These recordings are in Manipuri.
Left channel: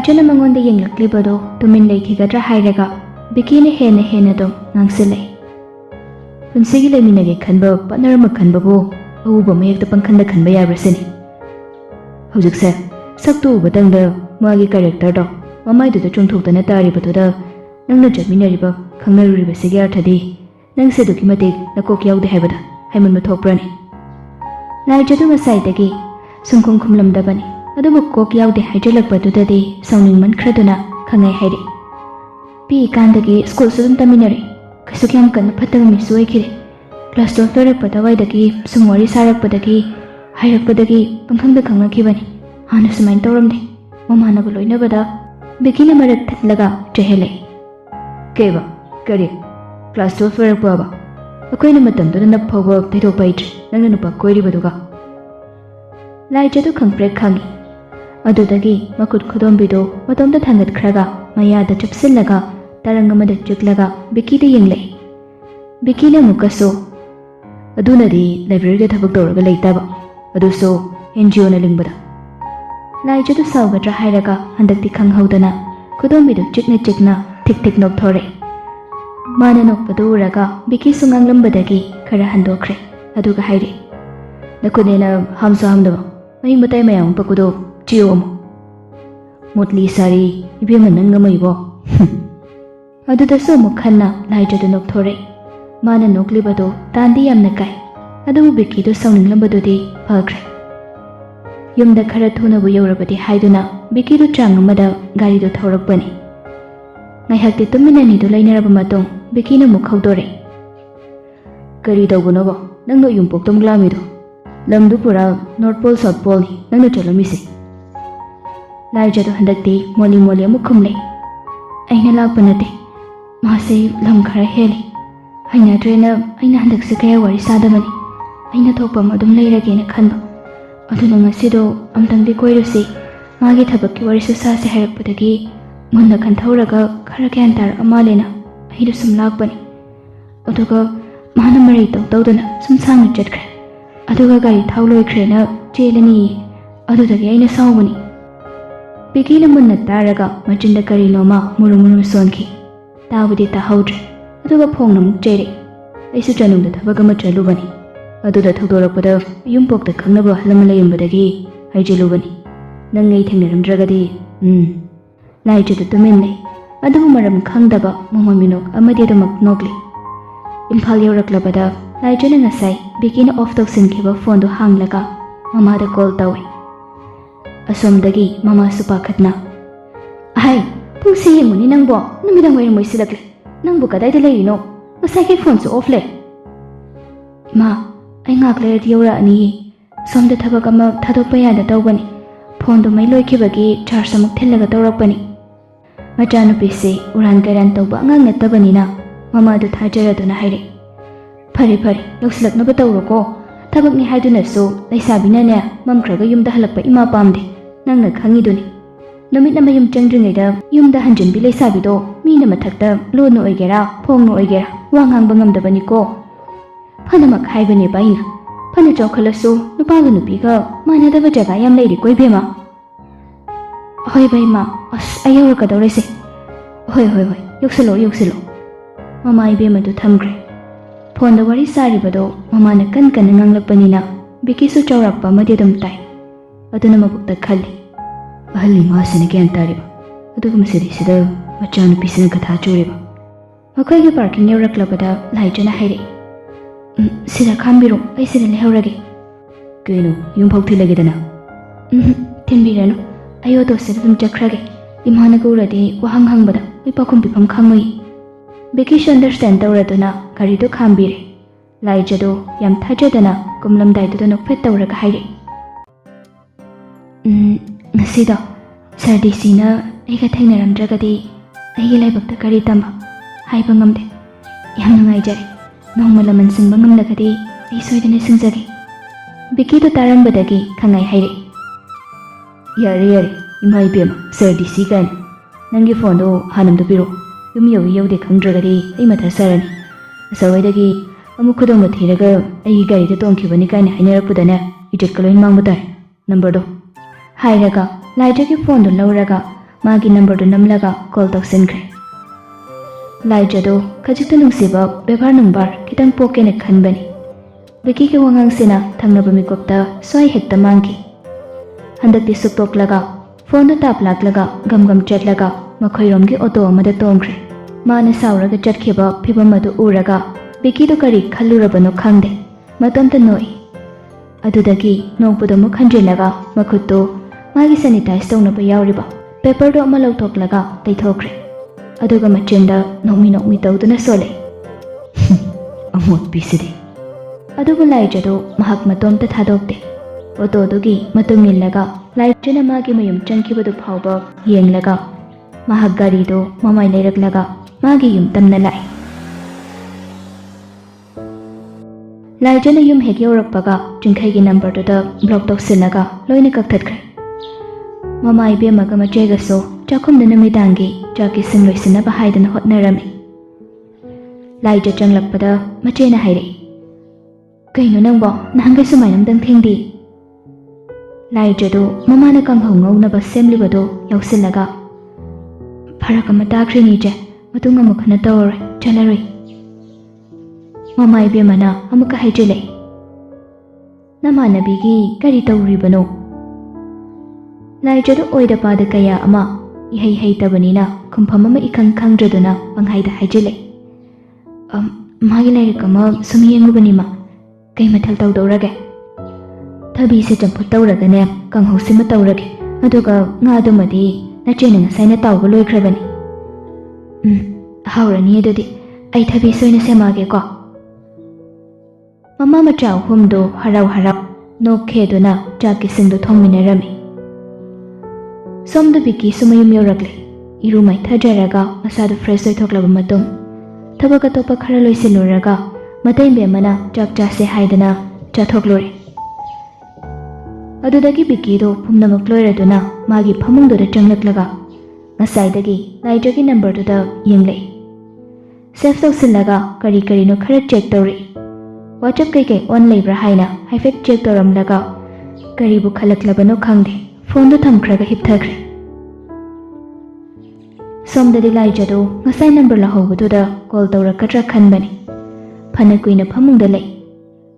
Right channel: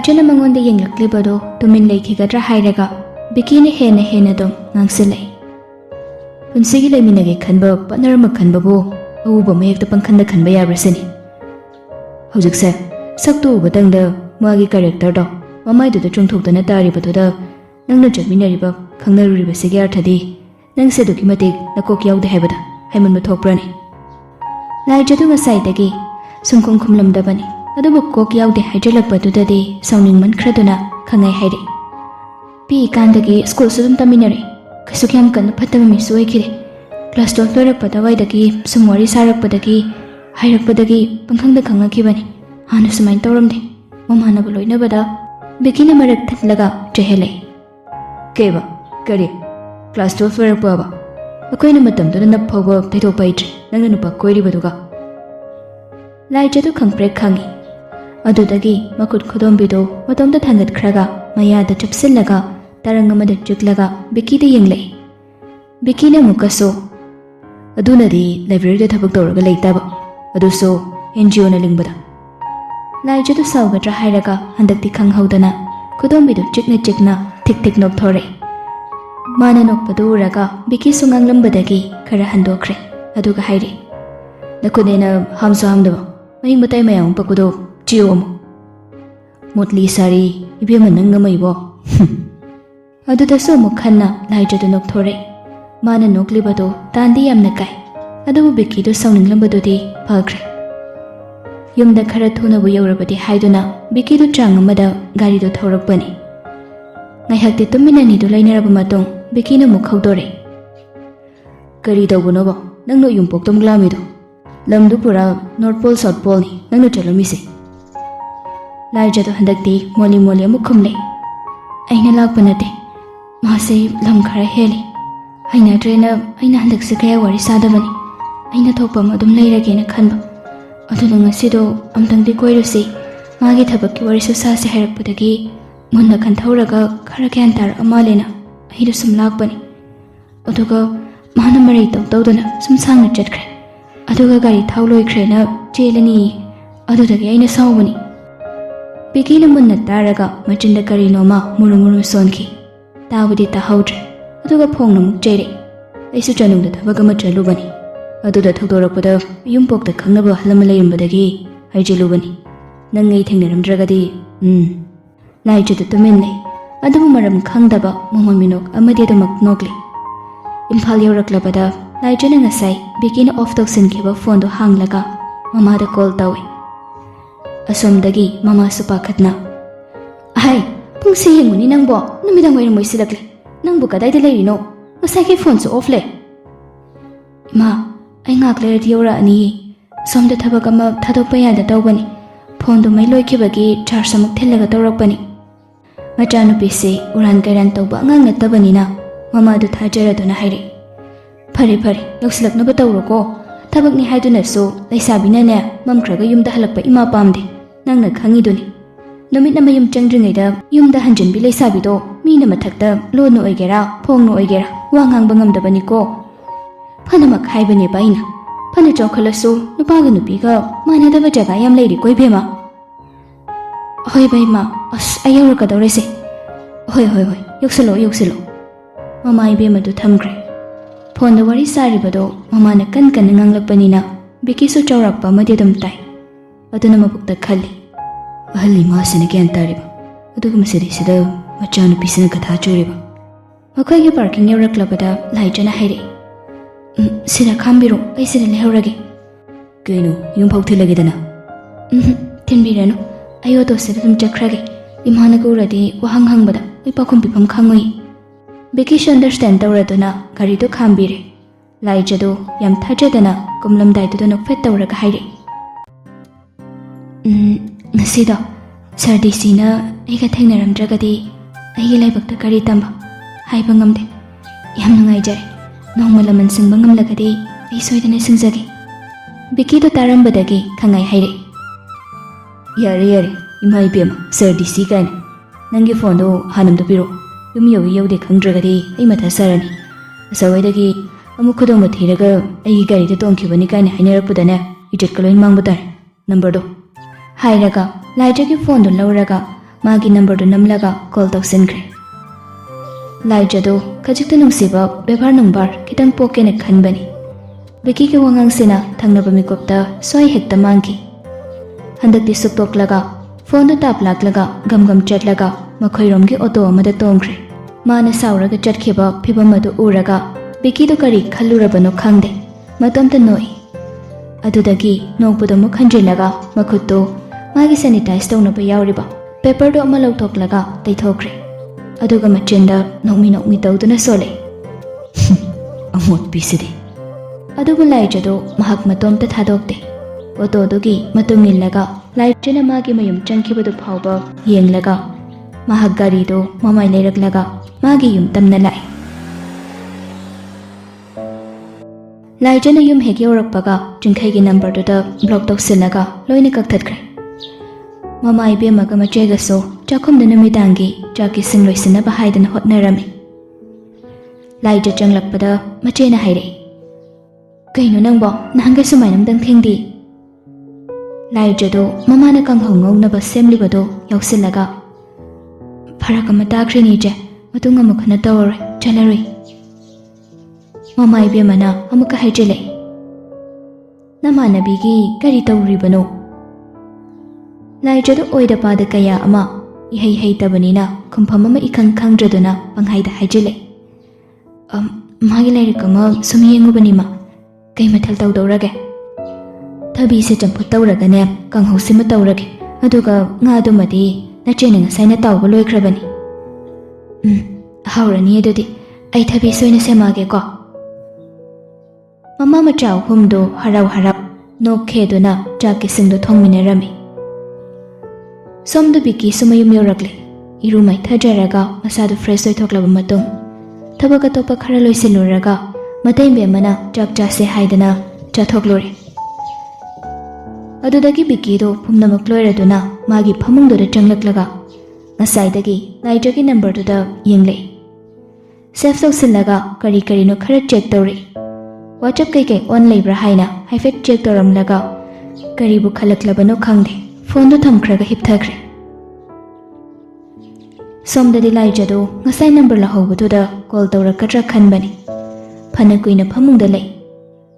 ꯂꯥꯏꯖꯅ ꯃꯉꯣꯟꯗ ꯌꯦꯡꯂꯛꯂꯤꯕꯗꯣ ꯇꯨꯃꯤꯟ ꯂꯩꯈꯤꯒꯗ꯭ꯔꯥ ꯍꯥꯏꯔꯒ ꯕꯤꯀꯤꯅ ꯍꯦꯟꯅ ꯑꯗꯨꯝ ꯉꯥꯡꯁꯤꯜꯂꯛꯏ꯫ ꯄꯨꯟꯁꯤꯒꯤ ꯂꯩꯃꯤꯟꯅꯒꯦ ꯈꯟꯕ ꯄꯥꯔꯠꯅꯔ ꯑꯃ ꯈꯟꯕꯕꯨ ꯑꯎꯕ ꯃꯌꯦꯛꯇ ꯄꯪꯈꯟꯗ ꯈꯟꯕ ꯌꯥꯕ꯭ꯔꯁꯤꯅꯤ꯫ ꯍꯧꯖꯤꯛꯁꯦ ꯁꯛꯇꯨ ꯎꯕꯗꯪꯗ ꯃꯥꯒꯤ ꯀꯦꯔꯦꯛꯇꯔꯗꯣ ꯃꯃꯥꯏꯗꯨꯗ ꯆꯨꯝꯊꯣꯛꯇꯅ ꯇꯥꯔꯤꯕꯗꯨꯗ ꯅꯪꯅ ꯆꯠꯃꯤꯟꯅꯔꯤꯕ ꯈꯪꯅꯔꯨꯔꯤꯕꯁꯤꯒꯤ ꯑꯔꯊꯗꯤ ꯅꯪꯁꯦ ꯑꯗꯨꯛꯀꯤ ꯃꯇꯤꯛ ꯅꯀꯣꯛ ꯌꯥꯎꯗꯦ ꯍꯥꯏꯕꯗ ꯍꯥꯏꯃꯟꯕ ꯊꯣꯛꯄ꯭ꯔꯅꯤ꯫ ꯂꯥꯏꯖꯗꯨ ꯉꯁꯥꯏꯗꯒꯤ ꯁꯨꯡꯈꯨꯝ ꯈꯨꯝꯂꯝꯗꯕꯅꯤ, ꯑꯗꯨꯕꯨ ꯀꯣꯛ ꯌꯥꯎꯗꯦ ꯍꯥꯏꯖꯤꯜꯂꯛꯄꯗꯨꯗꯗꯤ ꯁꯥꯎꯅꯤꯡꯃꯟꯈ꯭ꯔꯗꯨꯅ ꯈꯪꯉꯩ ꯍꯥꯏꯔꯤ꯫ ꯄꯤꯛꯏꯀꯥꯟꯗꯒꯤ ꯁ꯭ꯀꯨꯜꯁꯨ ꯑꯗꯨꯝ ꯇꯝꯃꯤꯟꯅꯔꯛꯏ, ꯀꯩꯁꯨ ꯀꯌꯥꯝ ꯀꯟꯅ ꯐꯠꯇꯕ ꯃꯤꯁꯨ ꯑꯣꯏꯈꯤꯗꯦ꯫ ꯀ꯭ꯂꯥꯁ 12 ꯂꯣꯏꯔꯛꯄꯗꯋꯥꯏꯗꯒꯤ ꯁꯨꯝ ꯋꯥꯔꯤ ꯁꯥꯔꯛꯄꯗꯒꯤ ꯍꯥꯏꯔꯛꯄꯗꯒꯤ ꯄꯪꯈꯪꯗ ꯈꯪꯅꯈꯤꯕꯅꯤ꯫ ꯍꯥꯟꯅ ꯁꯨꯃꯥꯏꯅ ꯇꯧꯔꯝꯗꯦ꯫ ꯃꯃꯥꯟꯅꯕ ꯂꯣꯏꯅꯕꯗ ꯕꯤꯀꯤꯅ ꯃꯔꯛ ꯊꯠꯂꯒ ꯆꯩꯍꯜꯂꯛꯏ꯫ ꯀꯩꯕ? ꯀꯔꯤ? ꯀ꯭ꯂꯥꯁ 12 ꯂꯣꯏꯔꯛꯄꯕ? ꯑꯩꯈꯣꯏꯅ ꯃꯇꯝꯗꯨꯗ ꯅꯞ ꯐꯥꯎꯕ ꯇꯩꯊꯣꯛꯄ ꯍꯩꯇ꯭ꯔꯤ, ꯅꯪꯅ ꯅꯨꯄꯥ ꯀꯣꯏꯔꯤꯕꯗꯨꯒ꯫ ꯂꯥꯏꯖꯗꯨ ꯈꯪꯄ꯭ꯔꯦꯛ ꯈꯪꯉꯤ꯫ ꯑꯗꯨꯗꯒꯤ ꯃꯈꯨꯠ ꯈꯨꯗꯣꯝꯕꯤꯗꯨ ꯃꯇꯣꯝꯇ ꯊꯥꯡꯒꯠꯈ꯭ꯔꯒ ꯃꯌꯥꯗ ꯆꯞꯁꯤꯜꯂꯒ ꯇꯔꯪ ꯑꯃꯗ ꯆꯤꯛꯂꯒ ꯕꯤꯀꯤꯗ ꯌꯦꯡꯂꯛꯏ꯫ ꯕꯤꯀꯤꯅ ꯑꯃꯨꯛꯀꯁꯨ, ꯑꯗꯨꯅꯗꯤ ꯂꯥꯏꯕ꯭ꯔꯦꯔꯤꯗ ꯊꯕꯛ ꯇꯧꯔꯒ ꯂꯩꯇꯥꯕ, ꯑꯗꯨꯁꯨ NGOꯅ ꯂꯤꯡꯕꯗ꯫ ꯂꯥꯏꯖꯗꯨ ꯁꯥꯎꯒꯗ꯭ꯔꯥ ꯍꯥꯏꯔꯒ ꯍꯟꯗꯛꯇꯤ ꯈꯪꯍꯧꯗꯅ ꯈꯨꯗꯣꯝꯕꯤꯗꯨ ꯆꯤꯛꯅ ꯊꯤꯛ ꯊꯤꯛ ꯅꯣꯛꯊꯣꯔꯛꯏ꯫ ꯃꯥꯅ ꯅꯣꯛꯄꯗꯨ ꯎꯔꯒ ꯕꯤꯀꯤꯁꯨ ꯉꯥꯡꯂꯝꯕꯗꯒꯤ ꯈꯔ ꯍꯟꯗꯣꯛꯈ꯭ꯔꯦ, ꯑꯗꯨꯒ ꯍꯥꯏꯔꯤ꯫ ꯅꯈꯨꯠꯅꯦꯅ ꯍꯥꯝꯁꯨ ꯍꯥꯝꯗꯕ ꯃꯍꯤꯛ ꯃꯇꯥꯏ ꯃꯌꯥꯝ ꯑꯃ ꯄꯛꯄꯗꯣ ꯆꯤꯌꯣ ꯑꯃꯨꯛ꯫ ꯃꯣꯠꯂꯤ ꯁꯥꯔꯤ ꯏꯕꯦꯝꯃ ꯅꯪ ꯉꯝꯃꯩꯕꯣ꯫ ꯑꯗꯨꯗꯁꯨ ꯑꯃꯨꯛ ꯍꯟꯅ ꯂꯥꯏꯖꯗꯨ ꯅꯣꯛꯊꯣꯔꯛꯏ꯫ ꯃꯥꯅ ꯅꯣꯛꯂꯤꯕꯗꯨ ꯇꯥꯟꯗꯤ ꯌꯥꯝꯅ ꯀꯥꯏ, ꯑꯗꯨꯕꯨ ꯕꯤꯀꯤꯗꯨ ꯁꯥꯎꯅꯤꯡꯂꯝꯕꯗꯨꯗꯤ ꯐꯈ꯭ꯔꯦ꯫ ꯌꯨꯝꯗ ꯈꯔ ꯊꯨꯅꯕꯨ ꯌꯧꯔꯕꯗꯤ ꯍꯥꯏꯗꯨꯅ ꯕꯤꯀꯤꯗꯨ ꯆꯥꯡ ꯑꯃꯗ ꯒꯥꯔꯤꯗꯨ ꯊꯧꯔꯛꯄꯅꯤ꯫ ꯉꯥꯏꯍꯥꯛꯇꯤ ꯇꯨꯃꯤꯟꯅꯅꯤꯗꯨ ꯂꯩꯅꯔꯕ ꯃꯇꯨꯡ ꯕꯤꯀꯤꯅ ꯑꯃꯨꯛ ꯍꯧꯗꯣꯔꯛꯏ꯫ ꯀꯔꯤ ꯇꯧꯕꯅꯣꯕ ꯅꯪꯅ ꯌꯨꯝꯄꯣꯛꯇ ꯑꯃꯨꯛ ꯂꯥꯛꯑꯝꯃꯤꯗꯣ? ꯂꯝꯗꯨ ꯄꯨꯔꯥ ꯅꯣꯔꯠ ꯄꯣꯜ ꯁꯥꯎꯠ ꯄꯣꯜꯅꯤ ꯅꯪꯅ ꯆꯠꯂꯝꯃꯤꯁꯦ꯫ ꯂꯥꯏꯖꯗꯨ ꯍꯟꯗꯛꯇꯤ ꯃꯣꯜꯂꯤ ꯑꯃꯨꯛ ꯈꯨꯝꯂꯛꯏ꯫ ꯑꯩꯅ ꯂꯥꯛꯄ ꯅꯠꯇꯦ, ꯃꯥꯁꯤ ꯂꯝ ꯈꯔ ꯍꯦꯜꯂꯤ, ꯍꯩꯅꯗ꯭ꯔꯦꯅ ꯑꯩꯅ ꯍꯟꯗꯛꯁꯦ ꯀꯌꯥ ꯋꯥꯔꯤ ꯁꯥꯗꯕꯅꯤ꯫ ꯑꯩꯅ ꯊꯣꯛꯄ ꯑꯃ ꯑꯗꯨꯝ ꯂꯩꯔꯒꯦꯅ ꯈꯟꯕ, ꯑꯗꯨꯅ ꯉꯁꯤꯗꯣ ꯑꯝꯇꯪꯗꯤ ꯀꯣꯏꯔꯨꯁꯤ, ꯃꯥꯒꯤ ꯊꯕꯛꯀꯤ ꯋꯥꯔꯤꯁꯨ ꯁꯥꯁꯦ ꯍꯥꯏꯔꯛꯄꯗꯒꯤ ꯃꯨꯟꯅ ꯈꯟꯊꯧꯔꯒ ꯈꯔ ꯒ꯭ꯌꯥꯟ ꯇꯥꯔꯛꯑ ꯃꯥꯜꯂꯦꯅ ꯑꯩꯅ ꯁꯨꯝ ꯂꯥꯛꯄꯅꯤ꯫ ꯑꯗꯨꯒ ꯃꯥꯅ ꯃꯔꯩ ꯇꯧꯗꯅ ꯁꯨꯝ ꯁꯥꯡꯅ ꯆꯠꯈ꯭ꯔꯦ, ꯑꯗꯨꯒ ꯒꯥꯔꯤ ꯊꯥꯎ ꯂꯣꯏꯈ꯭ꯔꯦꯅ ꯆꯦꯜꯂꯅꯤꯌꯦ꯫ ꯑꯗꯨꯗꯒꯤ ꯑꯩꯅ ꯁꯥꯎꯕꯅꯤ꯫ ꯕꯤꯀꯤꯅ ꯃꯨꯟꯅ ꯇꯥꯔꯒ ꯃꯆꯤꯟꯗ ꯀꯔꯤꯅꯣꯃ ꯃꯨꯔꯨ ꯁꯣꯟꯈꯤ꯫ ꯇꯥꯕꯨꯗꯤ ꯇꯥꯍꯧꯗ꯭ꯔꯦ, ꯑꯗꯨꯒ ꯐꯣꯡꯅ ꯑꯃꯨꯛ ꯆꯩꯔꯛꯏ꯫ ꯑꯩꯁꯨ ꯆꯥꯅꯨꯡꯗ ꯊꯕꯛ ꯑꯃ ꯆꯠꯂꯨꯕꯅꯤ, ꯑꯗꯨꯗ ꯊꯧꯗꯣꯔꯛꯄꯗ ꯌꯨꯝꯄꯣꯛꯇ ꯈꯪꯅꯕ ꯑꯍꯜ ꯑꯃ ꯂꯩꯔꯝꯕꯗꯒꯤ ꯍꯥꯏꯖꯤꯜꯂꯨꯕꯅꯤ꯫ ꯅꯪ ꯑꯩ ꯊꯦꯡꯅꯔꯝꯗ꯭ꯔꯒꯗꯤ ꯂꯥꯏꯖꯗꯨ ꯇꯨꯃꯤꯟ ꯂꯩ, ꯑꯗꯨꯕꯨ ꯃꯔꯝ ꯈꯪꯗꯕ ꯃꯣꯃꯣꯟ ꯃꯤꯅꯣꯛ ꯑꯃꯗꯤ ꯑꯗꯨꯃꯛ ꯅꯣꯛꯂꯤ꯫ ꯏꯝꯐꯥꯜ ꯌꯧꯔꯛꯂꯕꯗ ꯂꯥꯏꯖꯅ ꯉꯁꯥꯏ ꯕꯤꯀꯤꯅ ꯑꯣꯐ ꯇꯧꯁꯤꯟꯈꯤꯕ ꯐꯣꯟꯗꯨ ꯍꯥꯡꯂꯒ ꯃꯃꯥꯗ ꯀꯣꯜ ꯇꯧꯏ꯫ ꯑꯁꯣꯝꯗꯒꯤ ꯃꯃꯥꯁꯨ ꯄꯥꯈꯠꯅ, ꯑꯍꯩ ꯄꯨꯡꯁꯦ ꯌꯦꯡꯉꯨꯅꯤ ꯅꯪꯕꯣ, ꯅꯨꯃꯤꯗꯥꯡ ꯋꯥꯏꯔꯝ ꯑꯣꯏꯁꯤꯜꯂꯛꯂꯦ, ꯅꯪꯕꯨ ꯀꯗꯥꯏꯗ ꯂꯩꯔꯤꯅꯣ? ꯉꯁꯥꯏꯒꯤ ꯐꯣꯟꯁꯨ ꯑꯣꯐ ꯂꯩ꯫ ꯏꯃꯥ, ꯑꯩ ꯉꯥꯛ ꯂꯩꯔꯗꯤ ꯌꯧꯔꯛꯑꯅꯤꯌꯦ, ꯁꯣꯝꯗ ꯊꯕꯛ ꯑꯃ ꯊꯥꯗꯣꯛꯄ ꯌꯥꯗ ꯇꯧꯕꯅꯤ, ꯐꯣꯟꯗꯨ ꯃꯩ ꯂꯣꯏꯈꯤꯕꯒꯤ ꯆꯥꯔꯖ ꯑꯃꯨꯛ ꯊꯤꯜꯂꯒ ꯇꯧꯔꯛꯄꯅꯤ꯫ ꯃꯆꯥꯅꯨꯄꯤꯁꯦ ꯎꯔꯥꯟ ꯀꯩꯔꯥꯟ ꯇꯧꯕ ꯑꯉꯥꯡ ꯅꯠꯇꯕꯅꯤꯅ ꯃꯃꯥꯗꯨ ꯊꯥꯖꯔꯗꯨꯅ ꯍꯥꯏꯔꯤ꯫ ꯐꯔꯦ ꯌꯧꯁꯤꯜꯂꯛꯅꯕ ꯇꯧꯔꯣꯀꯣ, ꯊꯕꯛꯅꯤ ꯍꯥꯏꯗꯨꯅꯁꯨ ꯂꯩꯁꯥꯕꯤꯅꯅꯦ ꯃꯝꯈ꯭ꯔꯒ ꯌꯨꯝꯗ ꯍꯜꯂꯛꯄ ꯏꯃꯥ ꯄꯥꯝꯗꯦ, ꯅꯪꯅ ꯈꯪꯉꯤꯗꯨꯅꯤ꯫ ꯅꯨꯃꯤꯠꯅ ꯃꯌꯨꯝ ꯆꯪꯗ꯭ꯔꯤꯉꯩꯗ ꯌꯨꯝꯗ ꯍꯟꯖꯤꯟꯕꯤ ꯂꯩꯁꯥꯕꯤꯗꯣ ꯃꯤꯅ ꯃꯊꯛꯇ ꯂꯨꯅ ꯑꯣꯏꯒꯦꯔꯥ ꯐꯣꯡꯅ ꯑꯣꯏꯒꯦꯔꯥ ꯋꯥ ꯉꯥꯡꯕ ꯉꯝꯗꯕꯅꯤꯀꯣ꯫ ꯐꯅꯃꯛ ꯍꯥꯏꯕꯅꯦꯕ ꯑꯩꯅ, ꯐꯅ ꯆꯥꯎꯈꯠꯂꯁꯨ ꯅꯨꯄꯥꯒ ꯅꯨꯄꯤꯒ ꯃꯥꯟꯅꯗꯕ ꯖꯒꯥ ꯌꯥꯝ ꯂꯩꯔꯦꯀꯣ ꯏꯕꯦꯝꯃ꯫ ꯍꯣꯏ ꯏꯃꯥ, ꯑꯁ ꯑꯩ ꯌꯧꯔꯛꯀꯗꯧꯔꯤꯁꯦ꯫ ꯍꯣꯏ ꯌꯧꯁꯤꯜꯂꯣ꯫ ꯃꯃꯥ ꯏꯕꯦꯝꯃꯗꯨ ꯊꯝꯈ꯭ꯔꯦ꯫ ꯐꯣꯟꯗ ꯋꯥꯔꯤ ꯁꯥꯔꯤꯕꯗꯣ ꯃꯃꯥꯅ ꯀꯟꯅ ꯉꯥꯡꯂꯛꯄꯅꯤꯅ ꯕꯤꯀꯤꯁꯨ ꯆꯥꯎꯔꯥꯛꯄ ꯑꯃꯗꯤ ꯑꯗꯨꯝ ꯇꯥꯏ꯫ ꯑꯗꯨꯅ ꯃꯕꯨꯛꯇ ꯈꯜꯂꯤ, ꯑꯍꯜ ꯏꯃꯥꯁꯤꯅ ꯒ꯭ꯌꯥꯟ ꯇꯥꯔꯤꯕ, ꯑꯗꯨꯒ ꯃꯁꯤꯗꯩꯁꯤꯗ ꯃꯆꯥꯅꯨꯄꯤꯁꯤꯅ ꯀꯊꯥ ꯆꯨꯔꯤꯕ꯫ ꯃꯈꯣꯏꯒꯤ ꯄꯥꯔꯀꯤꯡ ꯌꯧꯔꯛꯂꯕꯗ ꯂꯥꯏꯖꯅ ꯍꯥꯏꯔꯛꯏ꯫ ꯁꯤꯗ ꯈꯥꯝꯕꯤꯔꯣ, ꯑꯩ ꯁꯤꯗ ꯂꯩꯍꯧꯔꯒꯦ꯫ ꯀꯩꯅꯣ ꯌꯨꯝꯐꯥꯎ ꯊꯤꯜꯂꯒꯦꯗꯅ? ꯊꯤꯟꯕꯤꯔꯅꯨ, ꯑꯩ ꯑꯣꯇꯣꯁꯤꯗ ꯑꯗꯨꯝ ꯆꯠꯈ꯭ꯔꯒꯦ, ꯏꯃꯥꯅ ꯎꯔꯗꯤ ꯋꯥꯍꯪ ꯍꯪꯕꯗ ꯑꯩ ꯄꯥꯈꯨꯝ ꯄꯤꯐꯝ ꯈꯪꯉꯣꯏ꯫ ꯕꯤꯀꯤꯁꯨ ꯑꯟꯗꯔꯁꯇꯦꯟ ꯇꯧꯔꯗꯨꯅ ꯒꯥꯔꯤꯗꯨ ꯈꯥꯝꯕꯤꯔꯦ꯫ ꯂꯥꯏꯖꯗꯨ ꯌꯥꯝ ꯊꯥꯖꯗꯅ ꯀꯨꯝꯂꯝꯗꯥꯏꯗꯨꯗ ꯅꯣꯛꯐꯦꯠ ꯇꯧꯔꯒ ꯍꯥꯏꯔꯛꯏ꯫ ꯉꯁꯤꯗꯣ ꯁꯥꯔ DCꯅ ꯑꯩꯒ ꯊꯦꯡꯅꯔꯝꯗ꯭ꯔꯒꯗꯤ ꯑꯩꯒꯤ ꯂꯥꯏꯕꯛꯇ ꯀꯔꯤ ꯇꯝꯕ ꯍꯥꯏꯕ ꯉꯝꯗꯦ꯫ ꯌꯥꯝ ꯅꯨꯡꯉꯥꯏꯖꯔꯦ, ꯅꯣꯡꯃ ꯂꯃꯟ ꯁꯤꯟꯕ ꯉꯝꯂꯒꯗꯤ ꯑꯩ ꯁꯣꯏꯗꯅ ꯁꯤꯟꯖꯒꯦ꯫ ꯕꯤꯀꯤꯗꯨ ꯇꯥꯔꯝꯕꯗꯒꯤ ꯈꯪꯉꯥꯏ ꯍꯥꯏꯔꯛꯏ꯫ ꯌꯥꯔꯦ ꯏꯃꯥ ꯏꯕꯦꯝꯃ, ꯁꯥꯔ DC ꯀꯥꯏꯅ, ꯅꯪꯒꯤ ꯐꯣꯟꯗꯣ ꯍꯥꯟꯅꯝꯗꯨ ꯄꯤꯔꯛꯑꯣ, ꯌꯨꯝ ꯌꯧꯗꯦ ꯈꯪꯗ꯭ꯔꯒꯗꯤ ꯑꯩ ꯃꯊꯥ ꯁꯥꯔꯅꯤ꯫ ꯑꯁꯥꯋꯥꯏꯗꯒꯤ ꯑꯃꯨꯛ ꯈꯨꯗꯣꯡꯕ ꯊꯤꯔꯒ ꯑꯩꯒꯤ ꯒꯥꯔꯤꯗ ꯇꯣꯡꯈꯤꯕꯅꯤ ꯀꯥꯏꯅ ꯍꯥꯏꯅꯔꯛꯄꯗꯅꯦ ꯏꯖꯠꯀ ꯂꯣꯏ ꯃꯥꯡꯕ ꯇꯥꯔꯦ꯫ ꯅꯝꯕꯔꯗꯣ ꯍꯥꯏꯔꯒ ꯂꯥꯏꯖꯒꯤ ꯐꯣꯟꯗꯨ ꯂꯧꯔꯒ ꯃꯥꯒꯤ ꯅꯝꯕꯔꯗꯨ ꯅꯝꯂꯒ ꯀꯣꯜ ꯇꯧꯁꯤꯟꯈ꯭ꯔꯦ꯫ ꯂꯥꯏꯖꯗꯨ ꯈꯖꯤꯛꯇ ꯅꯨꯡꯁꯤꯕ ꯕꯦꯕꯥꯔ ꯅꯨꯡꯕꯥꯔ ꯈꯤꯇꯪ ꯄꯣꯛꯀꯦꯅ ꯈꯟꯕꯅꯤ꯫ ꯕꯤꯀꯤꯒꯤ ꯋꯥꯉꯥꯡꯁꯤꯅ ꯊꯪꯅꯕ ꯃꯤꯀꯨꯞꯇ ꯁ꯭ꯋꯥꯏ ꯍꯦꯛꯇ ꯃꯥꯡꯈꯤ꯫ ꯍꯟꯗꯛꯇꯤ ꯁꯨꯛꯇꯣꯛꯂꯒ ꯐꯣꯟꯗꯨ ꯇꯥꯞ ꯂꯥꯛꯂꯒ ꯒꯝ ꯆꯠꯂꯒ ꯃꯈꯣꯏꯔꯣꯝꯒꯤ ꯑꯣꯇꯣ ꯑꯃꯗ ꯇꯣꯡꯈ꯭ꯔꯦ꯫ ꯃꯥꯅ ꯁꯥꯎꯔꯒ ꯆꯠꯈꯤꯕ ꯐꯤꯕꯝ ꯑꯗꯨ ꯎꯔꯒ ꯕꯤꯀꯤꯗꯨ ꯀꯔꯤ ꯈꯜꯂꯨꯔꯕꯅꯣ ꯈꯪꯗꯦ, ꯃꯇꯣꯝꯇ ꯅꯣꯛꯏ꯫ ꯑꯗꯨꯗꯒꯤ ꯅꯣꯛꯄꯗꯨ ꯑꯃꯨꯛ ꯍꯟꯖꯤꯜꯂꯒ ꯃꯈꯨꯠꯇꯨ ꯃꯥꯒꯤ ꯁꯦꯅꯤꯇꯥꯏꯖ ꯇꯧꯅꯕ ꯌꯥꯎꯔꯤꯕ ꯄꯦꯄꯔꯗꯨ ꯑꯃ ꯂꯧꯊꯣꯛꯂꯒ ꯇꯩꯊꯣꯛꯈ꯭ꯔꯦ꯫ ꯑꯗꯨꯒ ꯃꯆꯤꯟꯗ ꯅꯣꯛꯃꯤ ꯇꯧꯗꯨꯅ ꯁꯣꯜꯂꯤ꯫ ꯑꯃꯣꯠꯄꯤꯁꯤꯗꯤ꯫ ꯑꯗꯨꯕꯨ ꯂꯥꯏꯖꯗꯨ ꯃꯍꯥꯛ ꯃꯇꯣꯝꯇ ꯊꯥꯗꯣꯛꯇꯦ꯫ ꯑꯣꯇꯣꯗꯨꯒꯤ ꯃꯇꯨꯡ ꯏꯜꯂꯒ ꯂꯥꯏꯖꯅ ꯃꯥꯒꯤ ꯃꯌꯨꯝ ꯆꯪꯈꯤꯕꯗꯨ ꯐꯥꯎꯕ ꯌꯦꯡꯂꯒ ꯃꯍꯥꯛ ꯒꯥꯔꯤꯗꯨ ꯃꯃꯥꯏ ꯂꯩꯔꯛꯂꯒ ꯃꯥꯒꯤ ꯌꯨꯝ ꯇꯝꯅ ꯂꯥꯛꯏ꯫ ꯂꯥꯏꯖꯅ ꯌꯨꯝ ꯍꯦꯛ ꯌꯧꯔꯛꯄꯒ ꯆꯤꯡꯈꯩꯒꯤ ꯅꯝꯕꯔꯗꯨꯗ ꯕ꯭ꯂꯣꯛ ꯇꯧꯁꯤꯜꯂꯒ ꯂꯣꯏꯅ ꯀꯛꯊꯠꯈ꯭ꯔꯦ꯫ ꯃꯃꯥ ꯏꯕꯦꯝꯃꯒ ꯃꯆꯦꯒꯁꯨ ꯆꯥꯛꯈꯨꯝꯗ ꯅꯨꯃꯤꯗꯥꯡꯒꯤ ꯆꯥꯛꯀꯤ ꯁꯤꯡ ꯂꯣꯏꯁꯤꯟꯅꯕ ꯍꯥꯏꯗꯨꯅ ꯍꯣꯠꯅꯔꯝꯃꯤ꯫ ꯂꯥꯏꯖ ꯆꯪꯂꯛꯄꯗ ꯃꯆꯦꯅ ꯍꯥꯏꯔꯛꯏ, "ꯀꯩꯅꯣ ꯅꯪꯕꯣ ꯅꯍꯥꯟꯒꯩ ꯁꯨꯃꯥꯏꯅ ꯑꯝꯇꯪ ꯊꯦꯡꯗꯦ?" ꯂꯥꯏꯖꯗꯨ ꯃꯃꯥꯅ ꯀꯥꯡꯍꯧ ꯉꯧꯅꯕ ꯁꯦꯝꯂꯤꯕꯗꯨ ꯌꯥꯎꯁꯤꯜꯂꯒ, "ꯐꯔꯛ ꯑꯃ ꯇꯥꯈ꯭ꯔꯦꯅꯦ ꯏꯆꯦ, ꯃꯇꯨꯡ ꯑꯃꯨꯛ ꯍꯟꯅ ꯇꯧꯔꯔꯣꯏ, ꯆꯠꯂꯔꯣꯏ." ꯃꯃꯥ ꯏꯕꯦꯝꯃꯅ ꯑꯃꯨꯛꯀ ꯍꯥꯏꯖꯤꯜꯂꯛꯏ, "ꯅꯃꯥꯟꯅꯕꯤꯒꯤ ꯀꯔꯤ ꯇꯧꯔꯤꯕꯅꯣ?" ꯂꯥꯏꯖꯗꯨ ꯑꯣꯏꯗ ꯄꯥꯗ ꯀꯌꯥ ꯑꯃ ꯏꯍꯩ ꯍꯩꯇꯕꯅꯤꯅ ꯈꯨꯝꯐꯝ ꯑꯃ ꯏꯈꯪ ꯈꯪꯗ꯭ꯔꯗꯨꯅ ꯄꯪꯍꯥꯏꯗ ꯍꯥꯏꯖꯤꯜꯂꯛꯏ, "ꯃꯥꯒꯤ ꯂꯥꯏꯔꯤꯛ ꯑꯃ ꯁꯨꯝ ꯌꯦꯡꯉꯨꯕꯅꯤꯃ, ꯀꯩ ꯃꯊꯦꯜ ꯇꯧꯗꯧꯔꯒꯦ?" "ꯊꯕꯤꯁꯦ ꯆꯝꯐꯨꯠ ꯇꯧꯔꯒꯅꯦ ꯀꯥꯡꯍꯧꯁꯤꯃ ꯇꯧꯔꯒꯦ, ꯑꯗꯨꯒ ꯉꯥꯗꯨꯃꯗꯤ ꯅꯆꯦꯅ ꯉꯁꯥꯏꯅ ꯇꯥꯎꯕ ꯂꯣꯏꯈ꯭ꯔꯕꯅꯤ." "ꯍꯥꯎꯔꯅꯤ ꯑꯗꯨꯗꯤ, ꯑꯩ ꯊꯕꯤꯁꯦ ꯑꯣꯏꯅ ꯁꯦꯝꯃꯛꯑꯒꯦꯀꯣ." ꯃꯃꯥ ꯃꯆꯥ ꯑꯍꯨꯝꯗꯨ ꯍꯔꯥꯎ ꯅꯣꯛꯈꯦꯗꯨꯅ ꯆꯥꯛꯀꯤ ꯁꯤꯡꯗꯨ ꯊꯣꯡꯃꯤꯟꯅꯔꯝꯃꯤ꯫ ꯁꯣꯝꯗ ꯕꯤꯀꯤꯁꯨ ꯃꯌꯨꯝ ꯌꯧꯔꯛꯂꯦ꯫ ꯏꯔꯨ ꯃꯥꯏꯊꯖꯔꯒ ꯃꯁꯥꯗꯨ ꯐ꯭ꯔꯦꯁ ꯑꯣꯏꯊꯣꯛꯂꯕ ꯃꯇꯨꯡ ꯊꯕꯛ ꯑꯇꯣꯞꯄ ꯈꯔ ꯂꯣꯏꯁꯤꯜꯂꯨꯔꯒ ꯃꯇꯩꯕꯦꯝꯃꯅ ꯆꯥꯛ ꯆꯥꯁꯦ ꯍꯥꯏꯗꯅ ꯆꯥꯊꯣꯛꯂꯨꯔꯦ꯫ ꯑꯗꯨꯗꯒꯤ ꯕꯤꯀꯤꯗꯨ ꯄꯨꯝꯅꯃꯛ ꯂꯣꯏꯔꯗꯨꯅ ꯃꯥꯒꯤ ꯐꯃꯨꯡꯗꯨꯗ ꯆꯪꯂꯛꯂꯒ ꯉꯁꯥꯏꯗꯒꯤ ꯂꯥꯏꯖꯒꯤ ꯅꯝꯕꯔꯗꯨꯗ ꯌꯦꯡꯂꯛꯏ꯫ ꯁꯦꯐ ꯇꯧꯁꯤꯜꯂꯒ ꯀꯔꯤꯅꯣ ꯈꯔ ꯆꯦꯛ ꯇꯧꯔꯛꯏ꯫ ꯋꯥꯆꯞ ꯀꯩꯀꯩ ꯑꯣꯟ ꯂꯩꯕ꯭ꯔꯥ ꯍꯥꯏꯅ ꯍꯥꯏꯐꯦꯠ ꯆꯦꯛ ꯇꯧꯔꯝꯂꯒ ꯀꯔꯤꯕꯨ ꯈꯜꯂꯛꯂꯕꯅꯣ ꯈꯪꯗꯦ, ꯐꯣꯟꯗꯨ ꯊꯝꯈ꯭ꯔꯒ ꯍꯤꯞꯊꯈ꯭ꯔꯦ꯫ ꯁꯣꯝꯗꯗꯤ ꯂꯥꯏꯖꯗꯨ ꯉꯁꯥꯏ ꯅꯝꯕꯔ ꯂꯧꯍꯧꯕꯗꯨꯗ ꯀꯣꯜ ꯇꯧꯔꯛꯀꯗ꯭ꯔꯥ ꯈꯟꯕꯅꯤ꯫ ꯐꯅ ꯀꯨꯏꯅ ꯐꯃꯨꯡꯗ ꯂꯩ꯫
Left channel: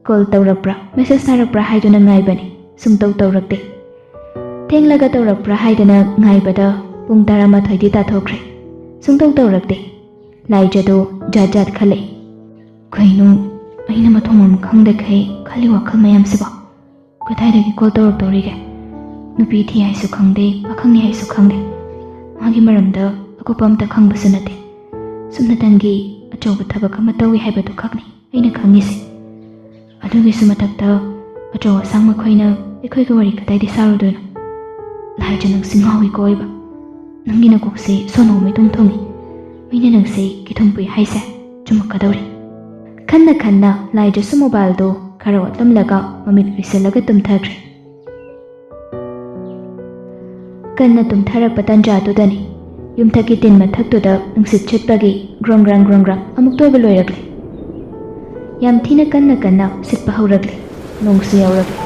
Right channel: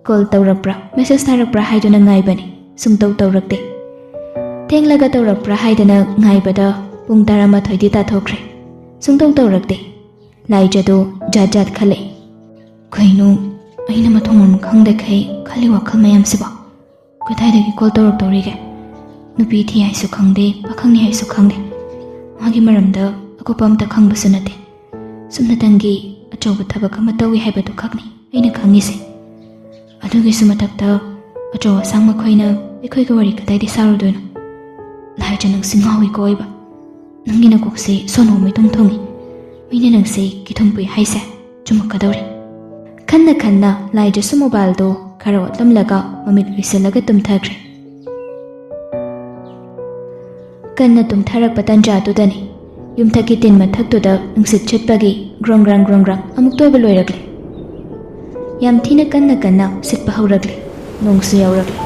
ꯀꯣꯜ ꯇꯧꯔꯛꯄ꯭ꯔꯥ ꯃꯦꯁꯦꯖ ꯊꯥꯔꯛꯄ꯭ꯔꯥ ꯍꯥꯏꯗꯨꯅ ꯉꯥꯏꯕꯅꯤ, ꯁꯨꯡꯇꯧ ꯇꯧꯔꯛꯇꯦ꯫ ꯊꯦꯡꯂꯒ ꯇꯧꯔꯛꯄ꯭ꯔꯥ ꯍꯥꯏꯗꯅ ꯉꯥꯏꯕꯗ ꯄꯨꯡ 11ꯗꯤ ꯇꯥꯊꯣꯛꯈ꯭ꯔꯦ, ꯁꯨꯡꯇꯧ ꯇꯧꯔꯛꯇꯦ꯫ ꯂꯥꯏꯖꯗꯨ ꯖꯥꯠ ꯈꯜꯂꯛꯏ꯫ ꯀꯩꯅꯣ ꯑꯩꯅ ꯃꯊꯣꯡ ꯃꯔꯝ ꯈꯪꯗꯈꯩ ꯈꯜꯂꯤ ꯋꯥꯈꯜ ꯃꯌꯥꯝꯁꯤꯕꯣ? ꯀꯗꯥꯏꯗꯒꯤ ꯀꯣꯜ ꯇꯧꯔꯛꯇꯧꯔꯤꯒꯦ? ꯅꯨꯄꯤ ꯊꯤ ꯍꯥꯏꯁꯨ ꯈꯪꯗꯦ, ꯄꯥꯈꯪꯅꯤ ꯍꯥꯏꯁꯨ ꯈꯪꯗꯦ, ꯃꯥꯒꯤ ꯃꯔꯝꯗ ꯑꯀꯨꯞꯄ ꯑꯝꯇ ꯈꯪꯕꯁꯨ ꯅꯠꯇꯦ꯫ ꯁꯨꯞꯅꯇꯪꯒꯤ ꯑꯆꯧꯕ ꯊꯕꯛ ꯑꯃ ꯇꯧꯏ ꯍꯥꯏꯕꯗꯨ ꯈꯛꯅꯤ ꯑꯩꯅ ꯈꯪꯉꯤꯁꯦ꯫ ꯑꯗꯨꯒꯤꯁꯨ ꯃꯊꯛꯇ ꯑꯆꯧ ꯑꯁꯥꯡ ꯃꯈꯣꯏꯅ ꯑꯩꯈꯣꯏꯒꯤ ꯋꯥꯔꯤ ꯀꯗꯥꯏꯗ ꯁꯥꯔꯨꯗꯣꯏꯅꯣ? ꯂꯥꯏꯖ ꯅꯪꯁꯤ ꯉꯥꯎꯏꯀꯣ ꯑꯣꯏꯕ, ꯅꯪꯒꯤ ꯅꯀꯣꯛꯁꯤ ꯁꯣꯅꯣ ꯃꯤꯇꯨꯝ ꯊꯣꯡꯉꯤ꯫ ꯑꯩꯅ ꯅꯪꯁꯤ ꯀꯤꯊꯨꯝ ꯄꯨꯏ ꯍꯥꯏꯁꯦ ꯆꯨꯝꯃꯛꯀꯗꯧꯔꯤ꯫ ꯈꯟꯅ ꯂꯥꯏꯖꯁꯨ ꯃꯣꯕꯥꯏꯜꯗꯨ ꯈꯔ ꯑꯣꯠꯂꯝꯂꯒ ꯃꯃꯤꯠ ꯎꯏꯁꯤꯜꯂꯒ ꯇꯨꯝꯊꯈ꯭ꯔꯦ꯫ ꯀꯟꯅ ꯇꯨꯝꯊꯔꯛꯄ ꯇꯟꯖꯥꯗꯨꯗꯅꯤ ꯌꯨꯝꯊꯛꯀꯤ ꯇꯤꯟ ꯃꯊꯛꯇꯨꯗ ꯅꯨꯡꯁꯤꯠ ꯁꯤꯠꯄꯒꯤ ꯒ꯭ꯔꯣꯡ ꯒ꯭ꯔꯥꯡ ꯑꯃꯨꯛ ꯇꯣꯏꯕ ꯂꯣꯏꯔꯛꯂꯦ꯫ ꯌꯥꯝ ꯊꯤꯅ ꯀꯟꯅ ꯁꯤꯠꯄ ꯍꯧꯔꯛꯂꯦ꯫ ꯅꯣꯡꯁꯨ ꯌꯥꯎꯔꯛꯂꯦ꯫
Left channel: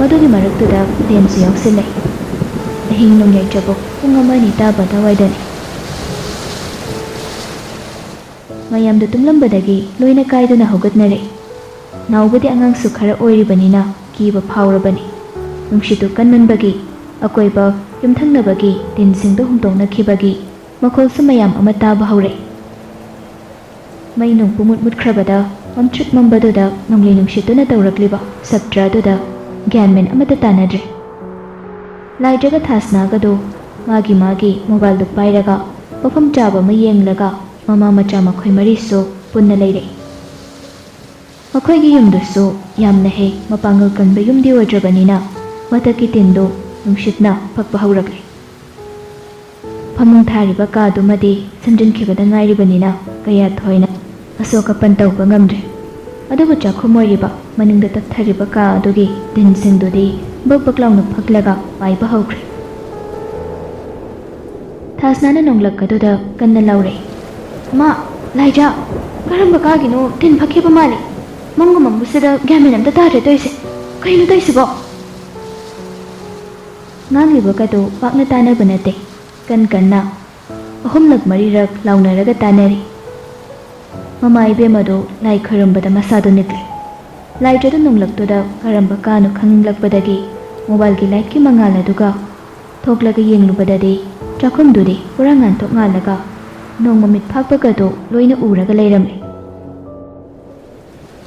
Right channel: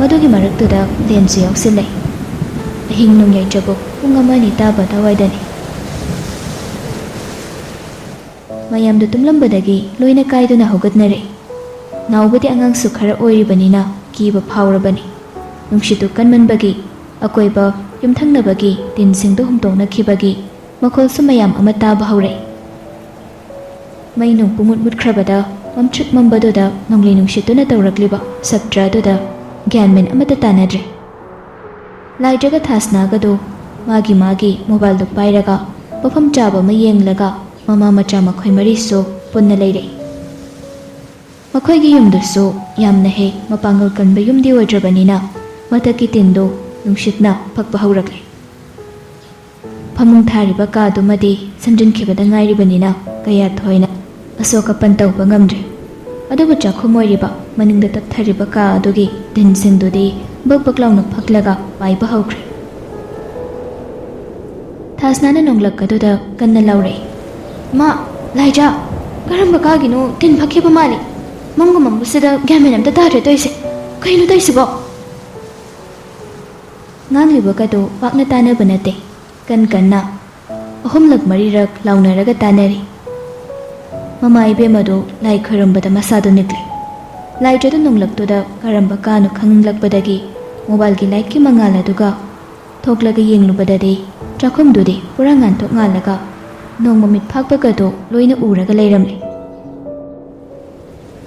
ꯃꯗꯨꯒꯤ ꯃꯔꯛꯇꯨꯗ ꯂꯦꯟꯁꯨ ꯌꯥꯎꯁꯤꯜꯂꯛꯏ꯫ ꯑꯍꯤꯡ ꯅꯣꯡꯌꯥꯏꯖꯕꯨ ꯄꯨꯡ 1-2 ꯇꯥꯕ ꯑꯗꯨꯋꯥꯏꯗꯅꯤ꯫ ꯃꯌꯥꯝꯗꯨ ꯇꯨꯝꯂꯝꯕꯗꯒꯤ ꯂꯣꯏꯅ ꯀꯥꯏꯗꯨꯅ ꯍꯧꯒꯠꯅꯔꯛꯏ꯫ ꯅꯥꯎꯕꯗꯤ ꯑꯉꯥꯡꯁꯨ ꯈꯔ ꯑꯣꯏꯔꯤꯕꯅꯤꯅ ꯀꯤꯕ ꯐꯥꯎꯔꯕꯅꯤ꯫ ꯅꯨꯡꯁꯤꯠꯇꯨ ꯀꯟꯃꯟꯕꯒꯤ ꯑꯀꯣꯏꯕ ꯌꯨꯝꯊꯪꯅꯕꯒꯤ ꯇꯤꯟꯁꯤꯡꯗꯨ ꯍꯨꯝꯇꯣꯛꯅꯈꯤꯕꯒꯤ ꯃꯈꯣꯜꯁꯨ ꯃꯌꯥꯝ ꯑꯃ ꯇꯥꯕ ꯍꯧꯔꯛꯏ꯫ ꯃꯩ ꯅꯨꯡ ꯄꯨꯡꯃꯨꯠ ꯃꯨꯠꯈ꯭ꯔꯕꯗ ꯃꯝꯇ꯭ꯔꯤꯛ ꯃꯝꯕꯗꯨꯗ ꯅꯣꯡꯂꯩ ꯅꯨꯡꯁꯤꯠꯇꯨꯅ ꯇꯧꯔꯛꯂꯤꯕ ꯁꯛꯇ꯭ꯔꯥꯗꯨꯗ ꯒ꯭ꯌꯥꯟ ꯃꯦꯟ ꯑꯃꯠꯇ ꯇꯥꯅꯗ꯭ꯔꯦ꯫ ꯂꯥꯏꯖꯒ ꯊꯥꯁꯅꯥꯒꯗꯨ ꯃꯥꯒꯤ ꯃꯣꯕꯥꯏꯜꯗꯨ ꯄꯥꯏꯔꯒ ꯃꯐꯝ ꯆꯥꯕ ꯑꯃ ꯌꯦꯡꯂꯒ ꯃꯃꯥ ꯃꯆꯥ ꯃꯈꯣꯏ ꯃꯔꯤꯁꯨ ꯄꯨꯟꯅ ꯂꯩꯔꯛꯏ꯫ ꯃꯈꯣꯏꯒꯤ ꯌꯨꯝꯗꯨꯁꯨ ꯌꯥꯝꯅ ꯍꯦꯛ ꯃꯄꯥꯡꯒꯜ ꯀꯟꯕ ꯌꯨꯝꯗꯤ ꯑꯣꯏꯗ꯭ꯔꯕꯅꯤꯅ ꯃꯊꯛꯀꯤ ꯇꯤꯟꯗꯨ ꯅꯨꯡꯁꯤꯠꯅ ꯐꯛꯄ ꯍꯧꯔꯛꯂꯦ꯫ ꯐꯃꯨꯡ ꯊꯥꯔꯤꯕ ꯀꯥꯗꯨꯃꯗꯤ ꯁꯟꯖꯤꯟꯈꯤꯕꯗ ꯉꯥꯏꯔꯤꯕꯅꯤꯅ ꯀꯌꯥ ꯊꯣꯏꯅ ꯑꯁꯣꯛ ꯑꯄꯟ ꯇꯧꯕ ꯉꯝꯗ꯭ꯔꯦ꯫ ꯑꯗꯨꯕꯨ ꯆꯥꯛꯈꯨꯝ ꯑꯣꯏꯔꯤꯕ ꯃꯅꯤꯡꯗ ꯇꯞꯊꯔꯤꯕ ꯀꯥ ꯑꯗꯨꯒꯤ ꯇꯤꯟꯁꯤꯡꯗꯨꯗꯤ ꯕꯛ ꯂꯥꯎꯅ ꯐꯛꯂꯒ ꯄꯥꯏꯕ ꯍꯧꯈ꯭ꯔꯦ꯫ ꯊꯥꯁꯅꯥꯅ ꯅꯣꯡꯂꯛꯀꯗꯨꯗ ꯀꯟꯅ ꯂꯥꯎꯔꯛꯏ꯫ "ꯃꯥ, ꯂꯥꯏꯖ, ꯀꯔꯝꯕ ꯀꯥꯒꯤꯅꯣ ꯇꯤꯟ ꯐꯛꯈꯤꯕ ꯃꯥꯜꯂꯤ꯫ ꯃꯝꯒ ꯃꯝꯕꯁꯤꯗ ꯒ꯭ꯌꯥꯟ ꯃꯦꯟ ꯑꯝꯇ ꯇꯥꯗ꯭ꯔꯦ ꯇꯧꯏꯁꯦ꯫ ꯀꯩꯅꯣ ꯇꯧꯏꯁꯤꯕꯣ?" ꯉꯥꯡꯂꯤꯕꯒꯗꯨ ꯄꯥꯛꯅ ꯇꯥꯅꯕ ꯅꯠꯇꯦ꯫ ꯀꯟꯅ ꯑꯍꯨꯝꯂꯛ ꯃꯔꯤꯔꯛ ꯂꯥꯎꯅꯔꯒ ꯇꯥꯟꯅꯔꯤ꯫ ꯃꯃꯥ ꯏꯕꯦꯝꯃꯗꯨ ꯂꯥꯏ ꯈꯣꯏꯔꯝꯕꯗ ꯃꯁꯥꯗꯨ ꯅꯤꯛꯂꯦ꯫ ꯂꯥꯏꯖꯗꯨ ꯅꯣꯡꯂꯛꯇꯨꯗ ꯀꯔꯝꯕ ꯀꯥꯅꯣ ꯈꯪꯂꯛꯄꯗꯒꯤ ꯃꯣꯕꯥꯏꯜꯒꯤ ꯂꯥꯏꯠꯀꯤ ꯃꯉꯥꯜ ꯑꯗꯨꯒ ꯊꯣꯛꯂꯒ ꯌꯦꯡꯂꯨꯕꯗꯗꯤ ꯆꯥꯛꯈꯨꯝꯗꯨꯗꯤ ꯄꯨꯔꯥ ꯉꯥꯟꯊꯣꯛ ꯉꯥꯜꯂꯒ ꯅꯣꯡ ꯃꯃꯤꯠ ꯐꯥꯛꯄꯒꯗꯨ ꯂꯣꯏꯅ ꯎꯔꯒ ꯂꯩꯔꯝꯂꯦ꯫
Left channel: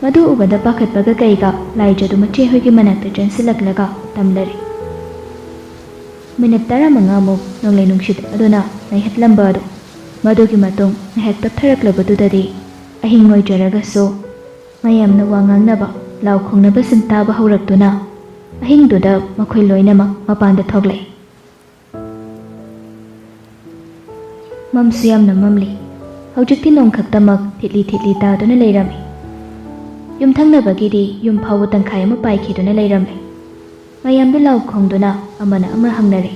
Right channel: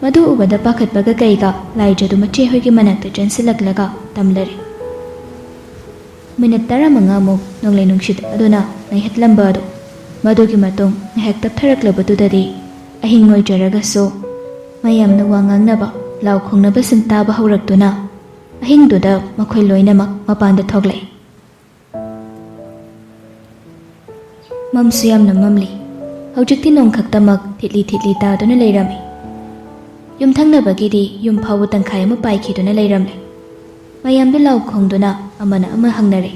ꯃꯗꯨ ꯎꯕꯗ ꯄꯥꯈꯠꯄꯒ ꯀꯩꯒ ꯂꯥꯏꯖꯗꯨ ꯃꯆꯦ ꯍꯣꯏꯒꯤ ꯃꯅꯥꯛꯇ ꯆꯦꯟꯁꯤꯜꯂꯛꯂꯒ ꯇꯝꯂꯔꯤ꯫ ꯃꯤꯅꯤꯠ 15ꯃꯨꯛ ꯅꯣꯡꯂꯩ ꯅꯨꯡꯁꯤꯠ ꯑꯗꯨꯅ ꯅꯩꯍꯠꯂꯝꯕ ꯑꯗꯨ ꯃꯗꯨꯒꯤ ꯃꯇꯨꯡ ꯉꯥꯏꯍꯥꯛ ꯇꯞꯊꯔꯛꯂꯕꯗꯨꯗꯗꯤ ꯑꯍꯤꯡ ꯑꯣꯏꯖꯔꯒꯁꯨ ꯃꯌꯥꯝꯅ ꯋꯥ ꯉꯥꯡꯅꯕ ꯂꯥꯎ ꯈꯣꯡꯅꯕꯁꯤꯡ ꯇꯥꯕ ꯍꯧꯔꯛꯇꯨꯅ ꯑꯍꯤꯡꯗꯨꯗ ꯃꯈꯣꯏ ꯂꯣꯏꯅꯃꯛ ꯃꯄꯥꯟꯗ ꯊꯣꯛꯂꯛꯏ꯫ ꯃꯝꯁꯨ ꯌꯥꯝꯅ ꯃꯝꯂꯤ꯫ ꯍꯧꯖꯤꯛꯇꯤ ꯅꯣꯡ ꯈꯛꯇꯃꯛ ꯊꯤꯠꯂꯤ ꯊꯤꯠꯂꯤ ꯇꯥꯗꯨꯅ ꯂꯩꯔꯝꯃꯤ꯫ ꯌꯨꯝꯊꯪꯅꯕꯒꯤꯗꯤ ꯌꯨꯝ ꯐꯥꯎꯕ ꯇꯪꯈꯥꯏ ꯑꯃ ꯄꯥꯏꯈꯤꯗꯨꯅ ꯂꯩꯔꯝꯂꯦ꯫ ꯃꯌꯥꯝꯗꯨ ꯂꯥꯎ ꯈꯣꯡꯗꯨꯅ ꯑꯃꯅ ꯑꯃ ꯍꯪꯅꯔꯤ꯫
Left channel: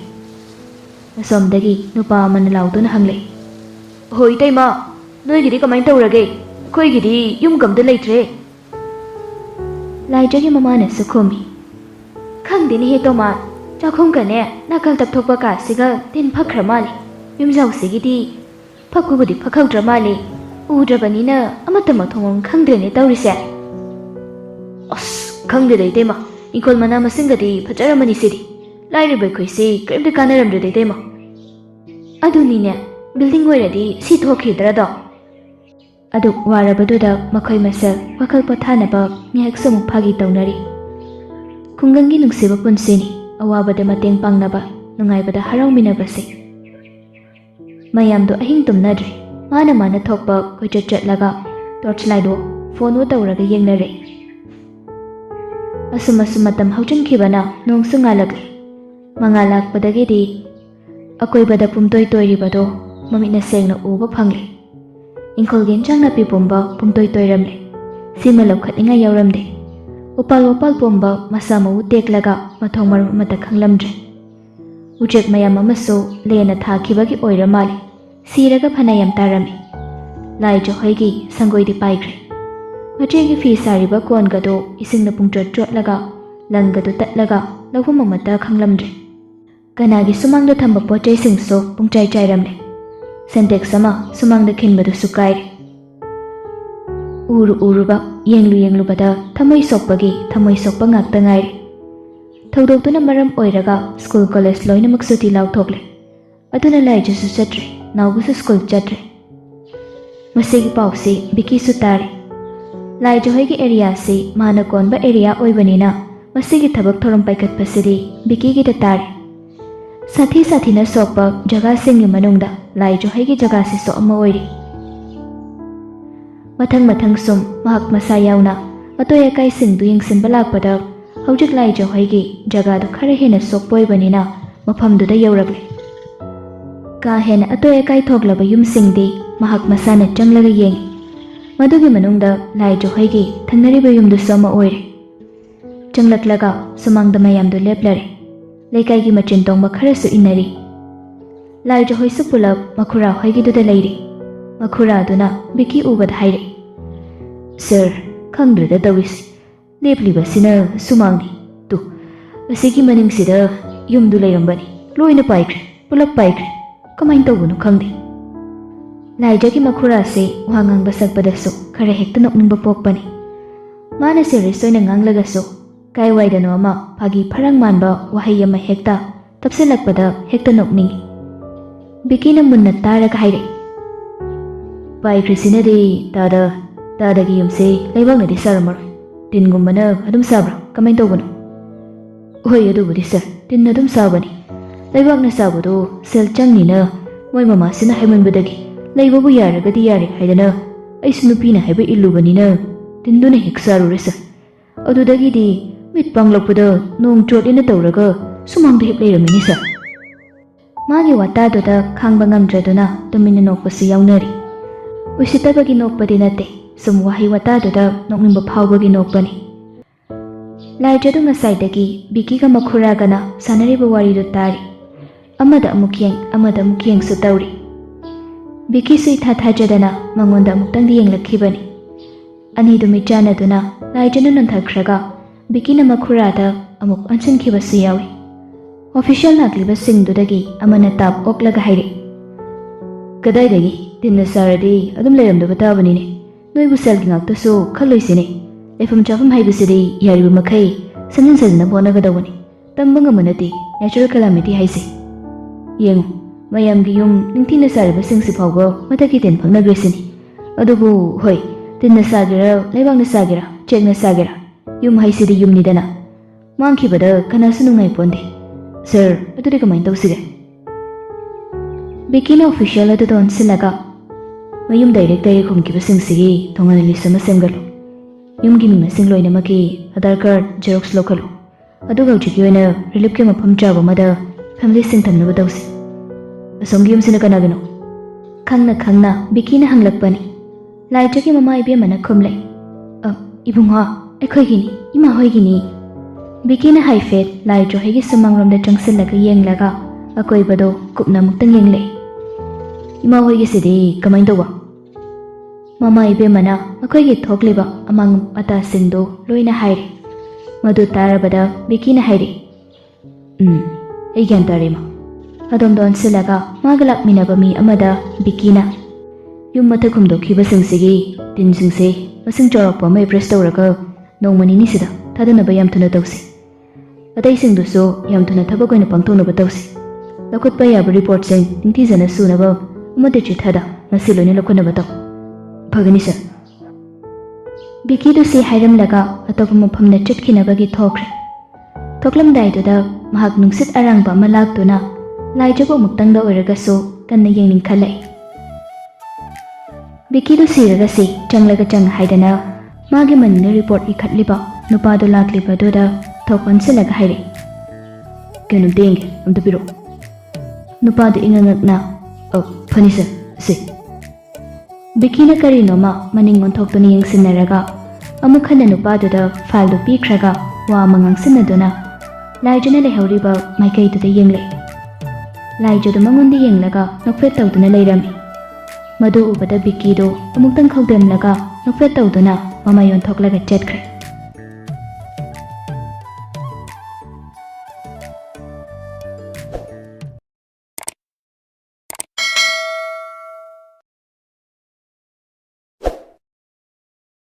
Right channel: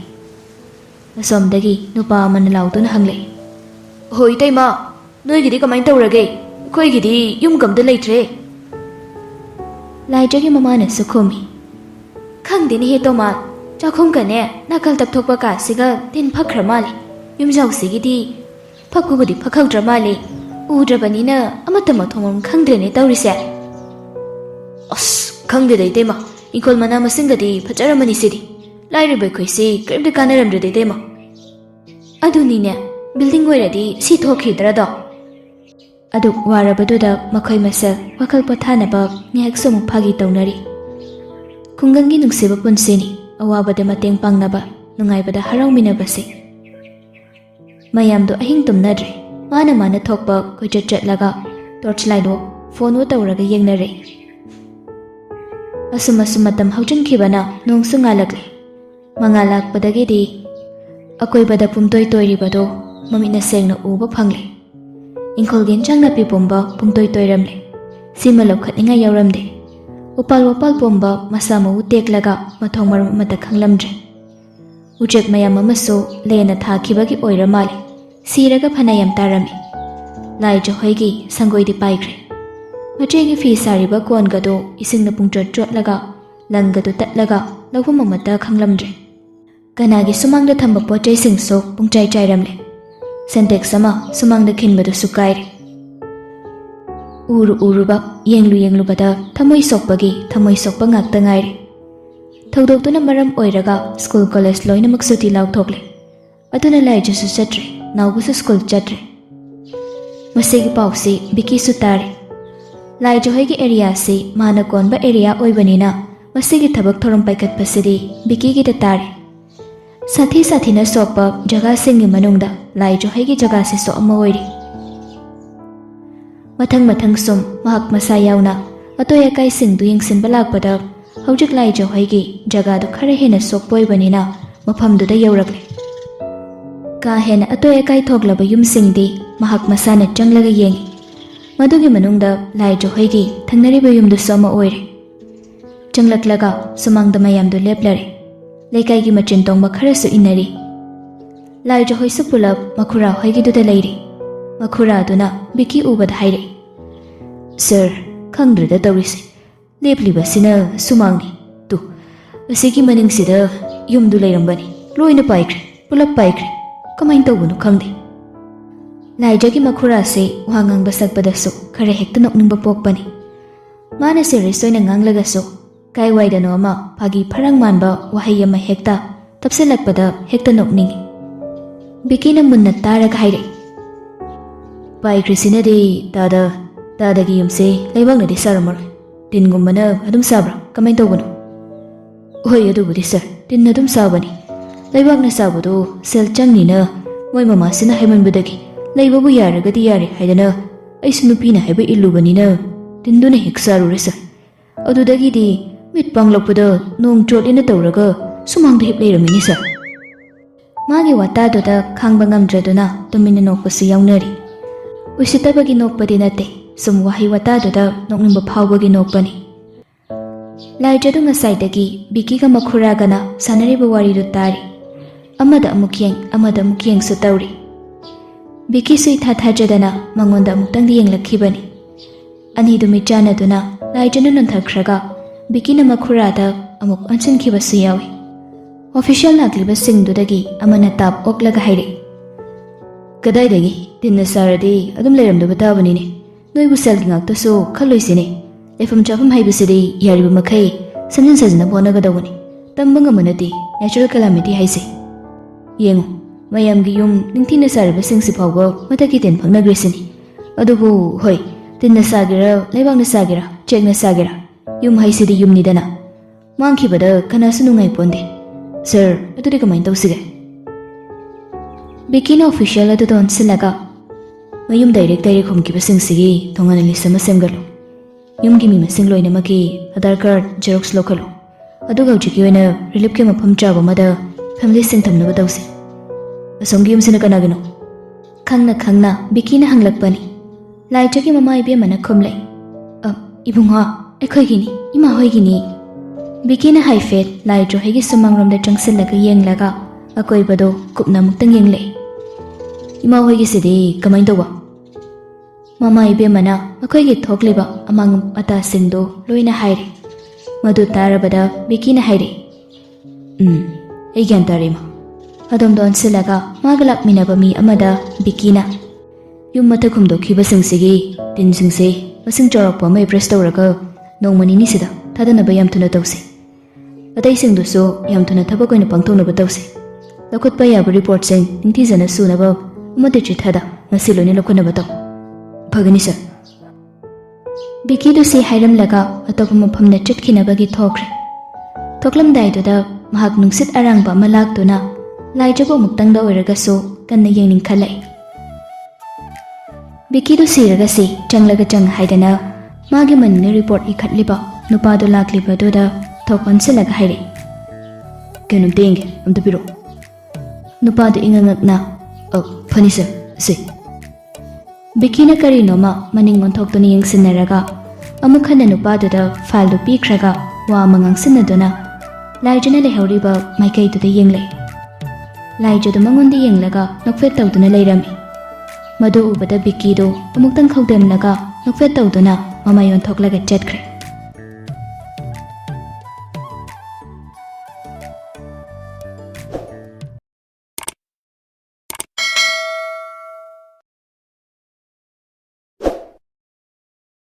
ꯑꯁꯣꯝꯗꯒꯤ ꯅꯨꯄꯥ ꯑꯃꯅ ꯂꯥꯎꯗꯨꯅ ꯍꯪꯂꯛꯏ, "ꯑꯍꯣ ꯏꯇꯩꯃ, ꯅꯣꯏꯒꯤꯗꯤ ꯀꯃꯥꯏꯅ ꯇꯧꯔꯒꯦ? ꯑꯩꯈꯣꯏꯒꯤꯗꯤ ꯌꯨꯝ ꯀꯝꯇ ꯂꯩꯇ꯭ꯔꯦ." ꯂꯥꯏꯖꯒꯤ ꯃꯃꯥꯅꯁꯨ ꯈꯨꯝꯃꯤ, "ꯈꯪꯗꯦꯅꯦꯍꯦ ꯇꯣꯃꯥ, ꯆꯥꯛꯈꯨꯝꯒꯅꯦ ꯅꯥꯀꯜ ꯇꯞꯊꯣꯛꯄ ꯀꯥꯁꯤꯒ ꯇꯤꯟ ꯐꯛꯈ꯭ꯔ ꯃꯥꯜꯂꯤ꯫ ꯌꯨꯝꯖꯥꯎꯁꯤꯒꯤꯗꯤ ꯐꯛꯄꯕꯨꯗꯤ ꯐꯛꯍꯧꯗ꯭ꯔ ꯃꯥꯜꯂꯤ꯫ ꯎꯗ꯭ꯔꯕꯅꯤꯅ ꯑꯃꯠꯇ ꯃꯊꯣꯡ ꯃꯔꯝ ꯈꯪꯗ꯭ꯔꯦꯅꯦ ꯇꯧꯔꯤꯁꯦ." "ꯑꯁ ꯈꯪꯗꯦꯗ ꯏꯇꯩꯃ, ꯏꯪꯈꯣꯜ ꯃꯅꯥ ꯃꯁꯤꯡꯒꯗꯤ ꯐꯖꯔꯝꯃꯅꯤ ꯁꯤꯗꯤ꯫ ꯂꯥꯏꯔꯕ ꯑꯩꯈꯣꯏꯁꯤ ꯀꯔꯤꯝꯇ ꯀꯥꯟꯅꯔꯝꯗ꯭ꯔꯦꯗ ꯏꯇꯩꯃ." "ꯑꯗꯨꯅꯤꯅꯦ, ꯕꯤꯜꯗꯤꯡ ꯑꯣꯏꯔꯗꯤ ꯁꯤ ꯊꯣꯛꯈꯤꯗ꯭ꯔꯗꯣ?" ꯑꯗꯨ ꯋꯥꯔꯕꯗꯨꯗ ꯃꯈꯣꯏ ꯃꯁꯦꯜ ꯋꯥꯈꯜ ꯄꯣꯊꯥꯅꯕ ꯉꯥꯏꯍꯥꯛꯁꯨ ꯑꯃꯨꯛ ꯐꯥꯒꯤ ꯇꯧꯅꯔꯤ꯫ ꯈꯨꯡꯒꯪꯒꯤ ꯅꯨꯡꯁꯤꯕ ꯄꯨꯟꯁꯤꯅꯤ, ꯑꯋꯥꯕꯗ ꯃꯇꯦꯡ ꯄꯥꯡꯅꯕ, ꯅꯨꯡꯉꯥꯏꯕꯗ ꯍꯔꯥꯎꯃꯤꯟꯅꯕꯁꯤ꯫ ꯃꯌꯥꯝꯗꯣ ꯑꯍꯤꯡ ꯇꯨꯝꯅꯗ꯭ꯔꯦ꯫ ꯃꯥꯅ ꯊꯣꯛꯄ ꯀꯣꯏꯆꯠ ꯆꯠꯂꯒ ꯇꯣꯔꯆ ꯂꯥꯏꯠꯋꯣ ꯐꯣꯟꯋꯣ ꯇꯧꯔꯒ ꯌꯦꯡꯅꯔꯤ꯫ ꯑꯁꯨꯝ ꯃꯇꯝ ꯍꯧꯖꯤꯟꯈꯤꯕꯅ ꯅꯣꯡꯁꯨ ꯉꯥꯜꯂꯛꯂꯦ꯫ ꯃꯉꯥꯜ ꯂꯥꯛꯄꯗꯒꯤꯗꯤ ꯑꯀꯣꯏꯕꯗ ꯄꯨꯡꯇꯣꯏ ꯇꯣꯏꯔꯤꯕꯗꯣ ꯃꯃꯤꯠꯅ ꯁꯦꯡꯅ ꯎꯕ ꯐꯪꯂꯦ꯫ ꯏꯪꯈꯣꯜꯒꯤ ꯏꯟꯖꯥꯡ ꯅꯥꯄꯤ ꯄꯨꯝꯕ ꯄꯨꯡꯇꯣꯏ ꯇꯣꯏꯔꯝꯂꯦ꯫ ꯁꯤꯃ ꯂꯧꯈꯠꯅꯤꯡꯉꯥꯏ ꯌꯥꯎꯔꯝꯗꯦ꯫ ꯎꯄꯥꯜ ꯋꯥꯄꯥꯜ ꯄꯨꯝꯕ ꯃꯁꯥ ꯃꯎ ꯇꯦꯛꯂꯒ ꯃꯊꯣꯡ ꯃꯔꯝ ꯑꯃꯠꯇ ꯈꯪꯂꯝꯗ꯭ꯔꯦ꯫ ꯎꯆꯦꯛ ꯃꯌꯥꯝ ꯑꯃꯁꯨ ꯂꯦꯟꯅ ꯊꯥꯈꯤꯕꯒꯤ ꯑꯣꯏꯔ ꯃꯥꯜꯂꯦ, ꯁꯤꯔꯒ ꯐꯅꯌꯥꯝ ꯇꯥꯔꯝꯃꯤ꯫ ꯂꯥꯏꯖ ꯍꯣꯏꯒꯤ ꯁꯪꯒꯣꯏꯗꯤ ꯄꯥꯏꯈ꯭ꯔꯦ꯫ ꯃꯆꯦꯒꯤ ꯐꯤ ꯁꯥꯔꯤꯕ ꯀꯣꯟꯒꯗꯨ ꯏꯁꯤꯡꯅ ꯄꯨꯡꯆꯣꯠ ꯆꯣꯠꯂꯒ ꯂꯪꯒꯗꯨ ꯇꯠꯂꯒ ꯂꯧꯐꯝ ꯑꯃꯠꯇ ꯈꯪꯂꯝꯗ꯭ꯔꯦ꯫ ꯀꯅꯥꯒꯤ ꯁꯨꯃꯥꯡꯗ ꯊꯝꯕ ꯄꯣꯠ ꯆꯩꯁꯤꯡꯁꯨ ꯄꯨꯡꯆꯥꯏ ꯆꯥꯏꯔꯝꯂꯦ꯫ ꯁꯦꯟꯇꯦꯛꯁ ꯑꯃ ꯁꯨꯃꯥꯡꯗ ꯈꯤꯟꯕꯗꯨꯁꯨ ꯀꯥꯏꯔꯦ꯫ ꯎꯔꯨꯕ ꯌꯦꯡꯂꯨꯕꯗ ꯊꯃꯣꯏ ꯁꯣꯛꯄ ꯉꯥꯛꯇ ꯉꯥꯏꯔꯦ꯫ ꯊꯧꯗꯣꯛꯇꯨꯅ ꯃꯔꯝ ꯑꯣꯏꯔꯒ ꯁ꯭ꯀꯨꯜ ꯀꯣꯂꯦꯖ ꯂꯣꯏꯅꯃꯛ ꯁꯨꯇꯤ ꯂꯥꯎꯊꯣꯛꯂꯦ꯫ ꯑꯗꯨꯅ ꯂꯥꯏꯖꯁꯨ ꯆꯠꯇ꯭ꯔꯦ, ꯅꯥꯎꯕꯁꯨ ꯁ꯭ꯀꯨꯜ ꯆꯠꯇ꯭ꯔꯦ꯫ ꯃꯁꯤꯒꯤ ꯄꯥꯎꯁꯤ ꯕꯤꯀꯤꯁꯨ ꯇꯥꯔꯦ꯫ ꯂꯥꯏꯖ ꯍꯣꯏꯒꯤ ꯑꯦꯔꯤꯌꯥꯁꯤ ꯃꯥꯅ ꯀꯣꯟꯕ ꯑꯦꯔꯤꯌꯥ ꯑꯣꯏꯕꯅꯤꯅ ꯃꯁꯤꯒꯤ ꯊꯕꯛ ꯊꯧꯔꯝ ꯄꯥꯏꯈꯠꯄꯁꯤꯗꯤ ꯕꯤꯀꯤꯒꯤꯗ ꯇꯥꯔꯦ꯫ ꯁꯥꯊꯤꯅ ꯁꯣꯛꯄ ꯖꯒꯥꯁꯤꯡꯒꯤ ꯃꯅꯨꯡꯗ ꯂꯥꯏꯖ ꯍꯣꯏꯒꯤ ꯖꯒꯥꯁꯤꯁꯨ ꯑꯃ ꯑꯣꯏꯔꯤ꯫ ꯃꯊꯪ ꯁꯨꯝ ꯃꯍꯥꯛ ꯃꯁꯥ ꯌꯥꯎꯅ ꯑꯇꯣꯏ ꯑꯀꯥꯏꯁꯤꯡꯗꯨ ꯌꯦꯡꯁꯤꯟꯕ ꯂꯥꯛꯄꯗ ꯍꯧꯖꯤꯛ ꯂꯥꯏꯖ ꯍꯣꯏꯒꯤ ꯖꯒꯥꯗꯨ ꯈꯔ ꯍꯦꯟꯅ ꯁꯣꯛꯄ ꯑꯣꯏꯕꯅꯤꯅ ꯃꯐꯝꯗꯨꯗ ꯌꯧꯔꯛꯂꯦ꯫ ꯀꯥ ꯍꯦꯟꯅ ꯑꯇꯣꯏ ꯑꯀꯥꯏ ꯊꯣꯛꯂꯕ ꯌꯨꯝꯁꯤꯡꯗꯤ ꯃꯍꯥꯛ ꯃꯁꯥꯅ ꯆꯪꯂꯒ ꯌꯦꯡꯉꯤ꯫ ꯃꯗꯨꯒꯤ ꯃꯅꯨꯡꯗ ꯂꯥꯏꯖ ꯍꯣꯏꯒꯤ ꯊꯪꯅꯔꯤꯕ ꯌꯨꯝꯗꯨꯁꯨ ꯑꯃ ꯑꯣꯏꯔꯦ꯫ ꯆꯪꯂꯛꯂꯒ ꯁꯨꯃꯥꯡꯗ ꯃꯌꯥꯝꯗꯨ ꯂꯦꯞꯂꯔꯦ꯫ ꯂꯩꯀꯥꯏꯒꯤ ꯃꯆꯤꯟ ꯇꯣꯡꯕ ꯈꯔꯁꯨ ꯏꯟꯅꯔꯤ꯫ ꯂꯥꯏꯖ ꯍꯣꯏꯁꯨ ꯄꯨꯂꯞ ꯃꯈꯨꯔꯥ ꯍꯣꯏꯒꯤꯗꯨꯗ ꯂꯩꯔꯤ꯫ ꯃꯈꯨꯔꯥꯗꯨꯅ ꯕꯤꯀꯤ ꯎꯕꯗ ꯍꯥꯏꯔꯛꯏ, "ꯁꯥꯔ, ꯈꯪꯗ꯭ꯔꯦꯗ ꯇꯧꯔꯤꯁꯦ꯫ ꯂꯦꯞꯂꯤꯕꯁꯤꯅ ꯁꯨꯃꯥꯡꯅꯤ꯫ ꯇꯨ, ꯑꯁꯤꯒꯤ ꯃꯅꯤꯡꯁꯤꯗ ꯌꯨꯝꯗꯨ ꯂꯩꯔꯝꯕꯅꯤ, ꯂꯣꯏꯅ ꯄꯥꯏꯈ꯭ꯔꯦ, ꯄꯨꯂꯞ ꯄꯥꯏꯈ꯭ꯔꯦ꯫ ꯀꯃꯥꯏꯅ ꯇꯧꯕꯅꯣ ꯈꯪꯗꯦ." ꯂꯥꯏꯖꯒꯤ ꯃꯈꯨꯔꯥꯁꯤ ꯋꯥ ꯉꯥꯡꯕ ꯁꯛꯄꯗꯁꯨ ꯈꯔ ꯍꯦꯛꯇ ꯅꯣꯛꯅꯤꯡꯕ ꯄꯣꯛꯄꯅꯤ꯫ ꯃꯥꯅ ꯁꯦꯔꯤꯌꯁ ꯑꯣꯏꯅ ꯉꯥꯡꯂꯒꯁꯨ ꯀꯥꯏꯋꯥꯏꯗꯅꯣ ꯑꯃ ꯐꯥꯒꯤ ꯐꯔꯥꯡ ꯃꯥꯟꯕ ꯋꯥꯍꯩ ꯑꯃ ꯍꯦꯛꯇ ꯇꯞꯁꯤꯜꯂꯛꯄꯗ ꯍꯦꯛꯇ ꯅꯣꯛꯅꯤꯡꯉꯤ꯫ ꯕꯤꯀꯤꯅ ꯃꯨꯟꯅ ꯇꯥꯔꯒ ꯍꯥꯏꯔꯛꯏ, "ꯄꯥꯏꯈ꯭ꯔꯤꯁꯤꯅꯗꯤ ꯇꯥꯗꯒꯤ ꯌꯨꯝꯁꯤ ꯂꯩꯕꯥꯛꯅꯗꯤ ꯁꯥꯔꯝꯃꯔꯣꯏ꯫ ꯇꯤꯟꯒꯨꯝꯕꯅ ꯑꯗꯨꯝ ꯁꯥꯕ꯭ꯔꯣ? ꯀꯃꯥꯏꯅ ꯇꯧꯕꯅꯣ?" "ꯍꯣꯏ, ꯑꯗꯨꯕꯨꯗꯤ ꯁꯥꯔ, ꯇꯤꯟꯅ ꯑꯗꯨꯝ ꯁꯥꯕꯅꯤ꯫ ꯂꯩꯕꯥꯛꯅ ꯁꯥꯕꯗꯣ ꯁꯦꯜ ꯆꯪꯅꯤꯅ ꯃꯣꯏ ꯃꯃꯥꯁꯤꯅ ꯍꯥꯏꯃꯟꯕꯗꯒꯤ ꯂꯩꯕꯕꯨ ꯌꯥꯔꯒꯗꯤ ꯌꯥꯔꯦ ꯍꯥꯏꯗꯅ ꯑꯩꯁꯨ ꯅꯨꯄꯤꯅ ꯍꯥꯏꯕ ꯏꯜꯂꯨꯕꯅꯤನ ꯇꯤꯟꯗꯨꯅ ꯍꯦꯛ ꯁꯥꯔꯨꯔꯦ ꯁꯥꯔ꯫ ꯑꯗꯨꯗꯒꯤꯗꯤ ꯃꯤꯠ ꯄꯥꯡꯂꯛꯄꯗ ꯅꯣꯡ ꯆꯣꯠꯂꯦꯅ ꯇꯧꯔꯒ ꯁꯨꯃꯥꯡꯗ ꯍꯦꯛ ꯂꯩꯔꯝꯃꯤꯅꯤ ꯁꯥꯔ." ꯃꯥꯒꯤ ꯋꯥꯇꯥꯗꯨꯗ ꯈꯥꯡꯕ ꯉꯝꯗ꯭ꯔꯗꯨꯅ ꯇꯨꯃꯤꯟꯅ ꯅꯣꯛꯄꯁꯨ ꯌꯥꯎꯅꯔꯤ꯫ ꯎꯁꯤꯠꯇꯕꯒꯤ ꯅꯣꯛꯄꯗꯤ ꯅꯠꯇꯦ, ꯁꯨꯝ ꯋꯥꯍꯩ ꯋꯥꯇꯥꯗꯨꯗ ꯅꯣꯛꯅꯤꯡꯕ ꯐꯥꯎꯕꯒꯤ ꯅꯣꯛꯄꯅꯤ꯫ ꯂꯥꯏꯖꯗꯨ ꯉꯁꯥꯏꯗꯒꯤ ꯕꯤꯀꯤꯒ ꯃꯈꯨꯔꯥꯒꯅ ꯁꯥꯟꯅꯔꯤꯕ ꯋꯥꯔꯤꯗꯨ ꯇꯥꯔꯤ꯫ ꯑꯃꯗ ꯑꯃꯨꯛ ꯌꯦꯡꯁꯨ ꯇꯧꯔꯤ꯫ ꯕꯤꯀꯤꯁꯨ ꯏꯊꯥ ꯊꯥꯖꯗꯅ ꯃꯉꯣꯟꯗ ꯑꯃꯨꯛꯇꯪꯗꯤ ꯌꯦꯡꯂꯛꯈꯤꯕꯅꯤ꯫ ꯑꯅꯤꯗꯨ ꯑꯣꯐꯤꯁꯤꯌꯦꯜ ꯂꯥꯛꯂꯤꯕꯁꯤꯡꯗꯨꯗꯒꯤ ꯑꯃꯅ ꯇꯥꯞ ꯑꯣꯛꯂꯒ ꯍꯥꯏꯔꯛꯏ, "ꯀꯗꯥꯏꯗꯒꯤ ꯇꯤꯟꯅ ꯆꯥꯔꯗꯤ ꯑꯗꯨꯝ ꯂꯩꯔꯝꯗꯕ ꯇꯥꯕꯅꯤꯅꯦ, ꯅꯣꯏꯕꯨ ꯁꯦꯜꯒꯤ ꯉꯥꯛꯇꯁꯨ ꯈꯜꯂꯣꯏꯁꯤꯅꯦ, ꯂꯩꯐꯝ ꯆꯥꯐꯝ ꯍꯥꯏꯕꯁꯤꯗꯤ ꯌꯥꯔꯤꯕ ꯃꯈꯩ ꯁꯦꯝꯖꯤꯟ ꯁꯥꯖꯤꯟꯅꯕ ꯍꯣꯠꯅꯒꯗꯧꯕꯅꯤ, ꯇꯝꯕ ꯉꯝꯕ ꯅꯠꯇꯦ ꯅꯦꯆꯔꯦꯜ ꯀꯦꯂꯥꯃꯤꯇꯤ ꯍꯥꯏꯁꯦ꯫ ꯌꯦꯡꯉꯨ, ꯃꯌꯥꯝꯒꯤ ꯌꯨꯝ ꯅꯤꯡꯊꯤꯅ ꯁꯥꯔꯤꯕꯁꯤꯡꯁꯤ ꯐꯥꯎꯕ ꯃꯊꯛꯀꯤ ꯇꯤꯟ ꯐꯪꯅꯈ꯭ꯔꯦꯁꯤꯅꯤ, ꯑꯗꯨꯕꯨ ꯍꯣꯏ, ꯇꯤꯟꯅ ꯁꯥꯒꯦꯔꯥ ꯂꯩꯕꯥꯛꯅ ꯁꯥꯒꯦꯔꯥ ꯆꯦꯛꯅ ꯁꯥꯒꯦꯔꯥ ꯌꯨꯝ ꯍꯥꯏꯁꯤꯗꯤ ꯌꯨꯝꯅꯤꯗꯅ, ꯃꯥꯡꯈꯤꯕꯗ ꯀꯅꯥꯁꯨ ꯅꯨꯡꯉꯥꯏꯄꯣꯟꯗꯦ꯫ ꯁꯥꯔ, ꯑꯗꯨꯗꯤ ꯀꯃꯥꯏꯅ ꯇꯧꯁꯤꯒꯦ?" ꯕꯤꯀꯤꯅ ꯑꯣꯐꯤꯁꯤꯌꯦꯜ ꯑꯗꯨꯗ ꯑꯣꯟꯁꯤꯜꯂꯒ, "ꯃꯌꯨꯝ ꯗꯥꯏꯔꯦꯛ ꯈꯨꯝꯈꯤꯕꯁꯤꯡꯁꯤꯒꯤ ꯇꯣꯉꯥꯟꯅ ꯂꯤꯁ ꯑꯃ ꯁꯦꯝꯒꯠꯂꯨ, ꯌꯨꯝꯒꯤ ꯃꯤ ꯃꯁꯤꯡ ꯂꯣꯏꯅꯃꯛꯀꯤ ꯑꯙꯥꯔ ꯀꯥꯔꯗ ꯖꯦꯔꯣꯛꯁ ꯂꯧꯈꯠꯂꯨ, ꯑꯗꯨꯒ ꯍꯧꯖꯤꯛꯀꯤ ꯑꯣꯏꯅ ꯔꯤꯂꯤꯐꯀꯤ ꯃꯐꯝ ꯆꯥꯕ ꯑꯃꯗ ꯐꯦꯃꯤꯂꯤꯁꯤꯡ ꯊꯝꯅꯕ ꯇꯧꯁꯤ꯫ ꯑꯁꯣꯝꯒꯤ ꯌꯨꯝꯁꯤꯅ ꯀꯅꯥꯒꯤꯅꯣ?" ꯈꯪꯅ ꯈꯪꯅ ꯕꯤꯀꯤꯅ ꯍꯪꯂꯛꯄꯅꯤ꯫ ꯂꯥꯏꯖꯒꯤ ꯃꯃꯥ ꯏꯕꯦꯝꯃꯅ ꯈꯨꯝꯂꯛꯏ, "ꯏꯕꯨꯡꯉꯣ, ꯑꯩꯈꯣꯏꯒꯤꯅꯤ, ꯏꯃꯥ ꯍꯣꯏꯒꯤꯅꯤ"꯫ ꯕꯤꯀꯤꯅ ꯍꯥꯏꯐꯦꯠ ꯂꯥꯏꯖ ꯍꯣꯏꯒꯤ ꯁꯨꯃꯥꯡꯂꯣꯝꯗ ꯆꯪꯁꯤꯜꯂꯒ ꯌꯦꯡꯂꯒ ꯑꯀꯣꯏꯕꯗꯣ ꯀꯨꯞꯅ ꯑꯃꯨꯛꯇꯪ ꯌꯦꯡꯂꯛꯏ꯫ "ꯏꯃꯥ ꯍꯣꯏꯒꯤꯁꯤꯗꯤ ꯀꯃꯥꯏꯅ ꯇꯧꯕ?" ꯃꯃꯥ ꯏꯕꯦꯝꯃꯅ ꯃꯈꯣꯏꯒꯤ ꯊꯣꯛꯂꯤꯕ ꯑꯃꯥꯡ ꯑꯇꯥꯁꯤꯡꯗꯨ ꯂꯣꯏꯅ ꯍꯥꯏꯔꯤ꯫ ꯃꯗꯨ ꯇꯥꯔꯕꯗ ꯕꯤꯀꯤꯅ ꯍꯥꯏꯔꯤ, "ꯑꯩ ꯒ꯭ꯌꯥꯟ ꯇꯥꯔꯦ ꯏꯃꯥ"꯫ ꯑꯗꯣꯝꯗ ꯑꯣꯟꯁꯤꯜꯂꯒ ꯃꯥꯒ ꯂꯥꯛꯃꯤꯟꯅꯕ ꯃꯤ ꯑꯃꯗ ꯕꯤꯀꯤꯅ, "ꯌꯨꯝ ꯃꯊꯛ ꯈꯨꯝꯗꯣꯛꯈꯤꯕꯁꯤꯡꯁꯤꯒꯤ ꯇꯤꯟꯁꯤꯡꯁꯦ ꯃꯁꯤꯡ ꯆꯥꯎꯔꯥꯛꯄ ꯑꯃ ꯑꯦꯚ꯭ꯔꯦꯖ ꯇꯧꯔꯒ ꯅꯣꯡꯃ ꯅꯤꯅꯤꯁꯤꯗ ꯊꯥꯗꯅꯕ ꯌꯥꯝ ꯊꯨꯅ ꯇꯧꯁꯤ, ꯑꯇꯩꯁꯤꯡꯗꯨꯁꯨ ꯌꯥꯝ ꯊꯨꯅ ꯊꯕꯛ ꯑꯣꯏꯅ ꯄꯥꯡꯊꯣꯛꯅꯕ ꯇꯧꯁꯤ꯫ ꯂꯧꯈꯠꯄ ꯌꯥꯕ ꯔꯤꯄꯣꯔꯠꯁꯤꯡ ꯅꯤꯡꯊꯤꯖꯅ ꯁꯨꯅꯕ ꯑꯃꯗꯤ ꯆꯤꯊꯗ ꯉꯁꯤ ꯂꯣꯏꯅ ꯂꯧꯈꯠꯅꯕ ꯇꯧ"꯫ "ꯐꯒꯅꯤ ꯁꯥꯔ"꯫ ꯕꯤꯀꯤꯗꯨ ꯁꯤ ꯍꯥꯏꯔꯝꯂꯒ ꯑꯇꯣꯞꯄ ꯃꯐꯝꯗ ꯆꯠꯈꯤꯅꯕꯒꯤ ꯊꯣꯛꯈ꯭ꯔꯦ꯫ ꯊꯣꯛꯂꯝꯗꯥꯏꯗꯨꯗ ꯃꯍꯥꯛ ꯅꯨꯡꯁꯤꯠ ꯑꯔꯥꯡꯕ ꯑꯃ ꯂꯥꯛꯇꯨꯅ ꯂꯥꯏꯖꯕꯨ ꯑꯃꯨꯛꯇꯪꯗ ꯑꯣꯏꯔꯒꯁꯨ ꯀꯟꯅ ꯌꯦꯡꯅꯤꯡꯈꯠꯂꯛꯏ꯫ ꯕꯤꯀꯤꯗꯨ ꯁꯤꯔꯒꯁꯤ ꯆꯪꯂꯒ ꯆꯪ ꯍꯥꯏꯗꯅ ꯃꯥꯒꯤ ꯃꯅꯤꯡꯅ ꯔꯤꯄꯣꯔꯠ ꯏꯈꯠꯂꯤꯕ ꯅꯨꯄꯥꯗꯨ ꯂꯥꯛꯂꯤꯕꯗꯨꯗ ꯊꯣꯛ ꯑꯣꯟꯁꯤꯜꯂꯒ ꯍꯥꯏꯔꯛꯏ, "ꯀꯩꯅꯣꯝꯇ ꯌꯦꯡꯒꯦ, ꯑꯝꯇ ꯄꯤꯔꯛꯎ"꯫ ꯅꯨꯄꯥꯗꯨ ꯏꯉꯛꯉꯛꯅ, "ꯐꯅꯤ ꯁꯥꯔ, ꯑꯁꯤ"꯫ ꯕꯤꯀꯤꯅ ꯀꯔꯤꯅꯣꯃ ꯃꯅꯤꯡ ꯑꯣꯟꯊꯣꯛꯇꯨꯅ ꯌꯦꯡꯁꯤꯟꯅꯔꯒ ꯑꯃꯨꯛ ꯍꯟꯅ ꯅꯨꯄꯥꯗꯨꯗ ꯐꯥꯏꯜꯗꯨ ꯄꯤꯈ꯭ꯔꯒ ꯋꯥ ꯑꯃ ꯉꯥꯡꯁꯤꯟꯅꯗꯨꯅ ꯂꯥꯏꯖꯅ ꯂꯩꯍꯧꯔꯤꯕ ꯃꯥꯏꯀꯩꯗꯨꯗ ꯌꯦꯡꯂꯛꯏ꯫ ꯂꯥꯏꯖꯗꯨ ꯃꯉꯣꯟꯗ ꯌꯦꯡꯂꯒ ꯅꯣꯛꯐꯦꯠ ꯇꯧꯗꯨꯅ ꯂꯩꯔꯝꯃꯤ꯫ ꯃꯗꯨ ꯎꯕꯗ ꯕꯤꯀꯤꯗꯨ ꯑꯃꯨꯛꯇꯪ ꯈꯧꯗꯦꯝꯂꯒ ꯅꯣꯛꯐꯦꯠ ꯇꯧꯗꯨꯅ ꯃꯃꯥꯏ ꯑꯣꯟꯊꯣꯛꯂꯒ ꯆꯠꯈ꯭ꯔꯦ꯫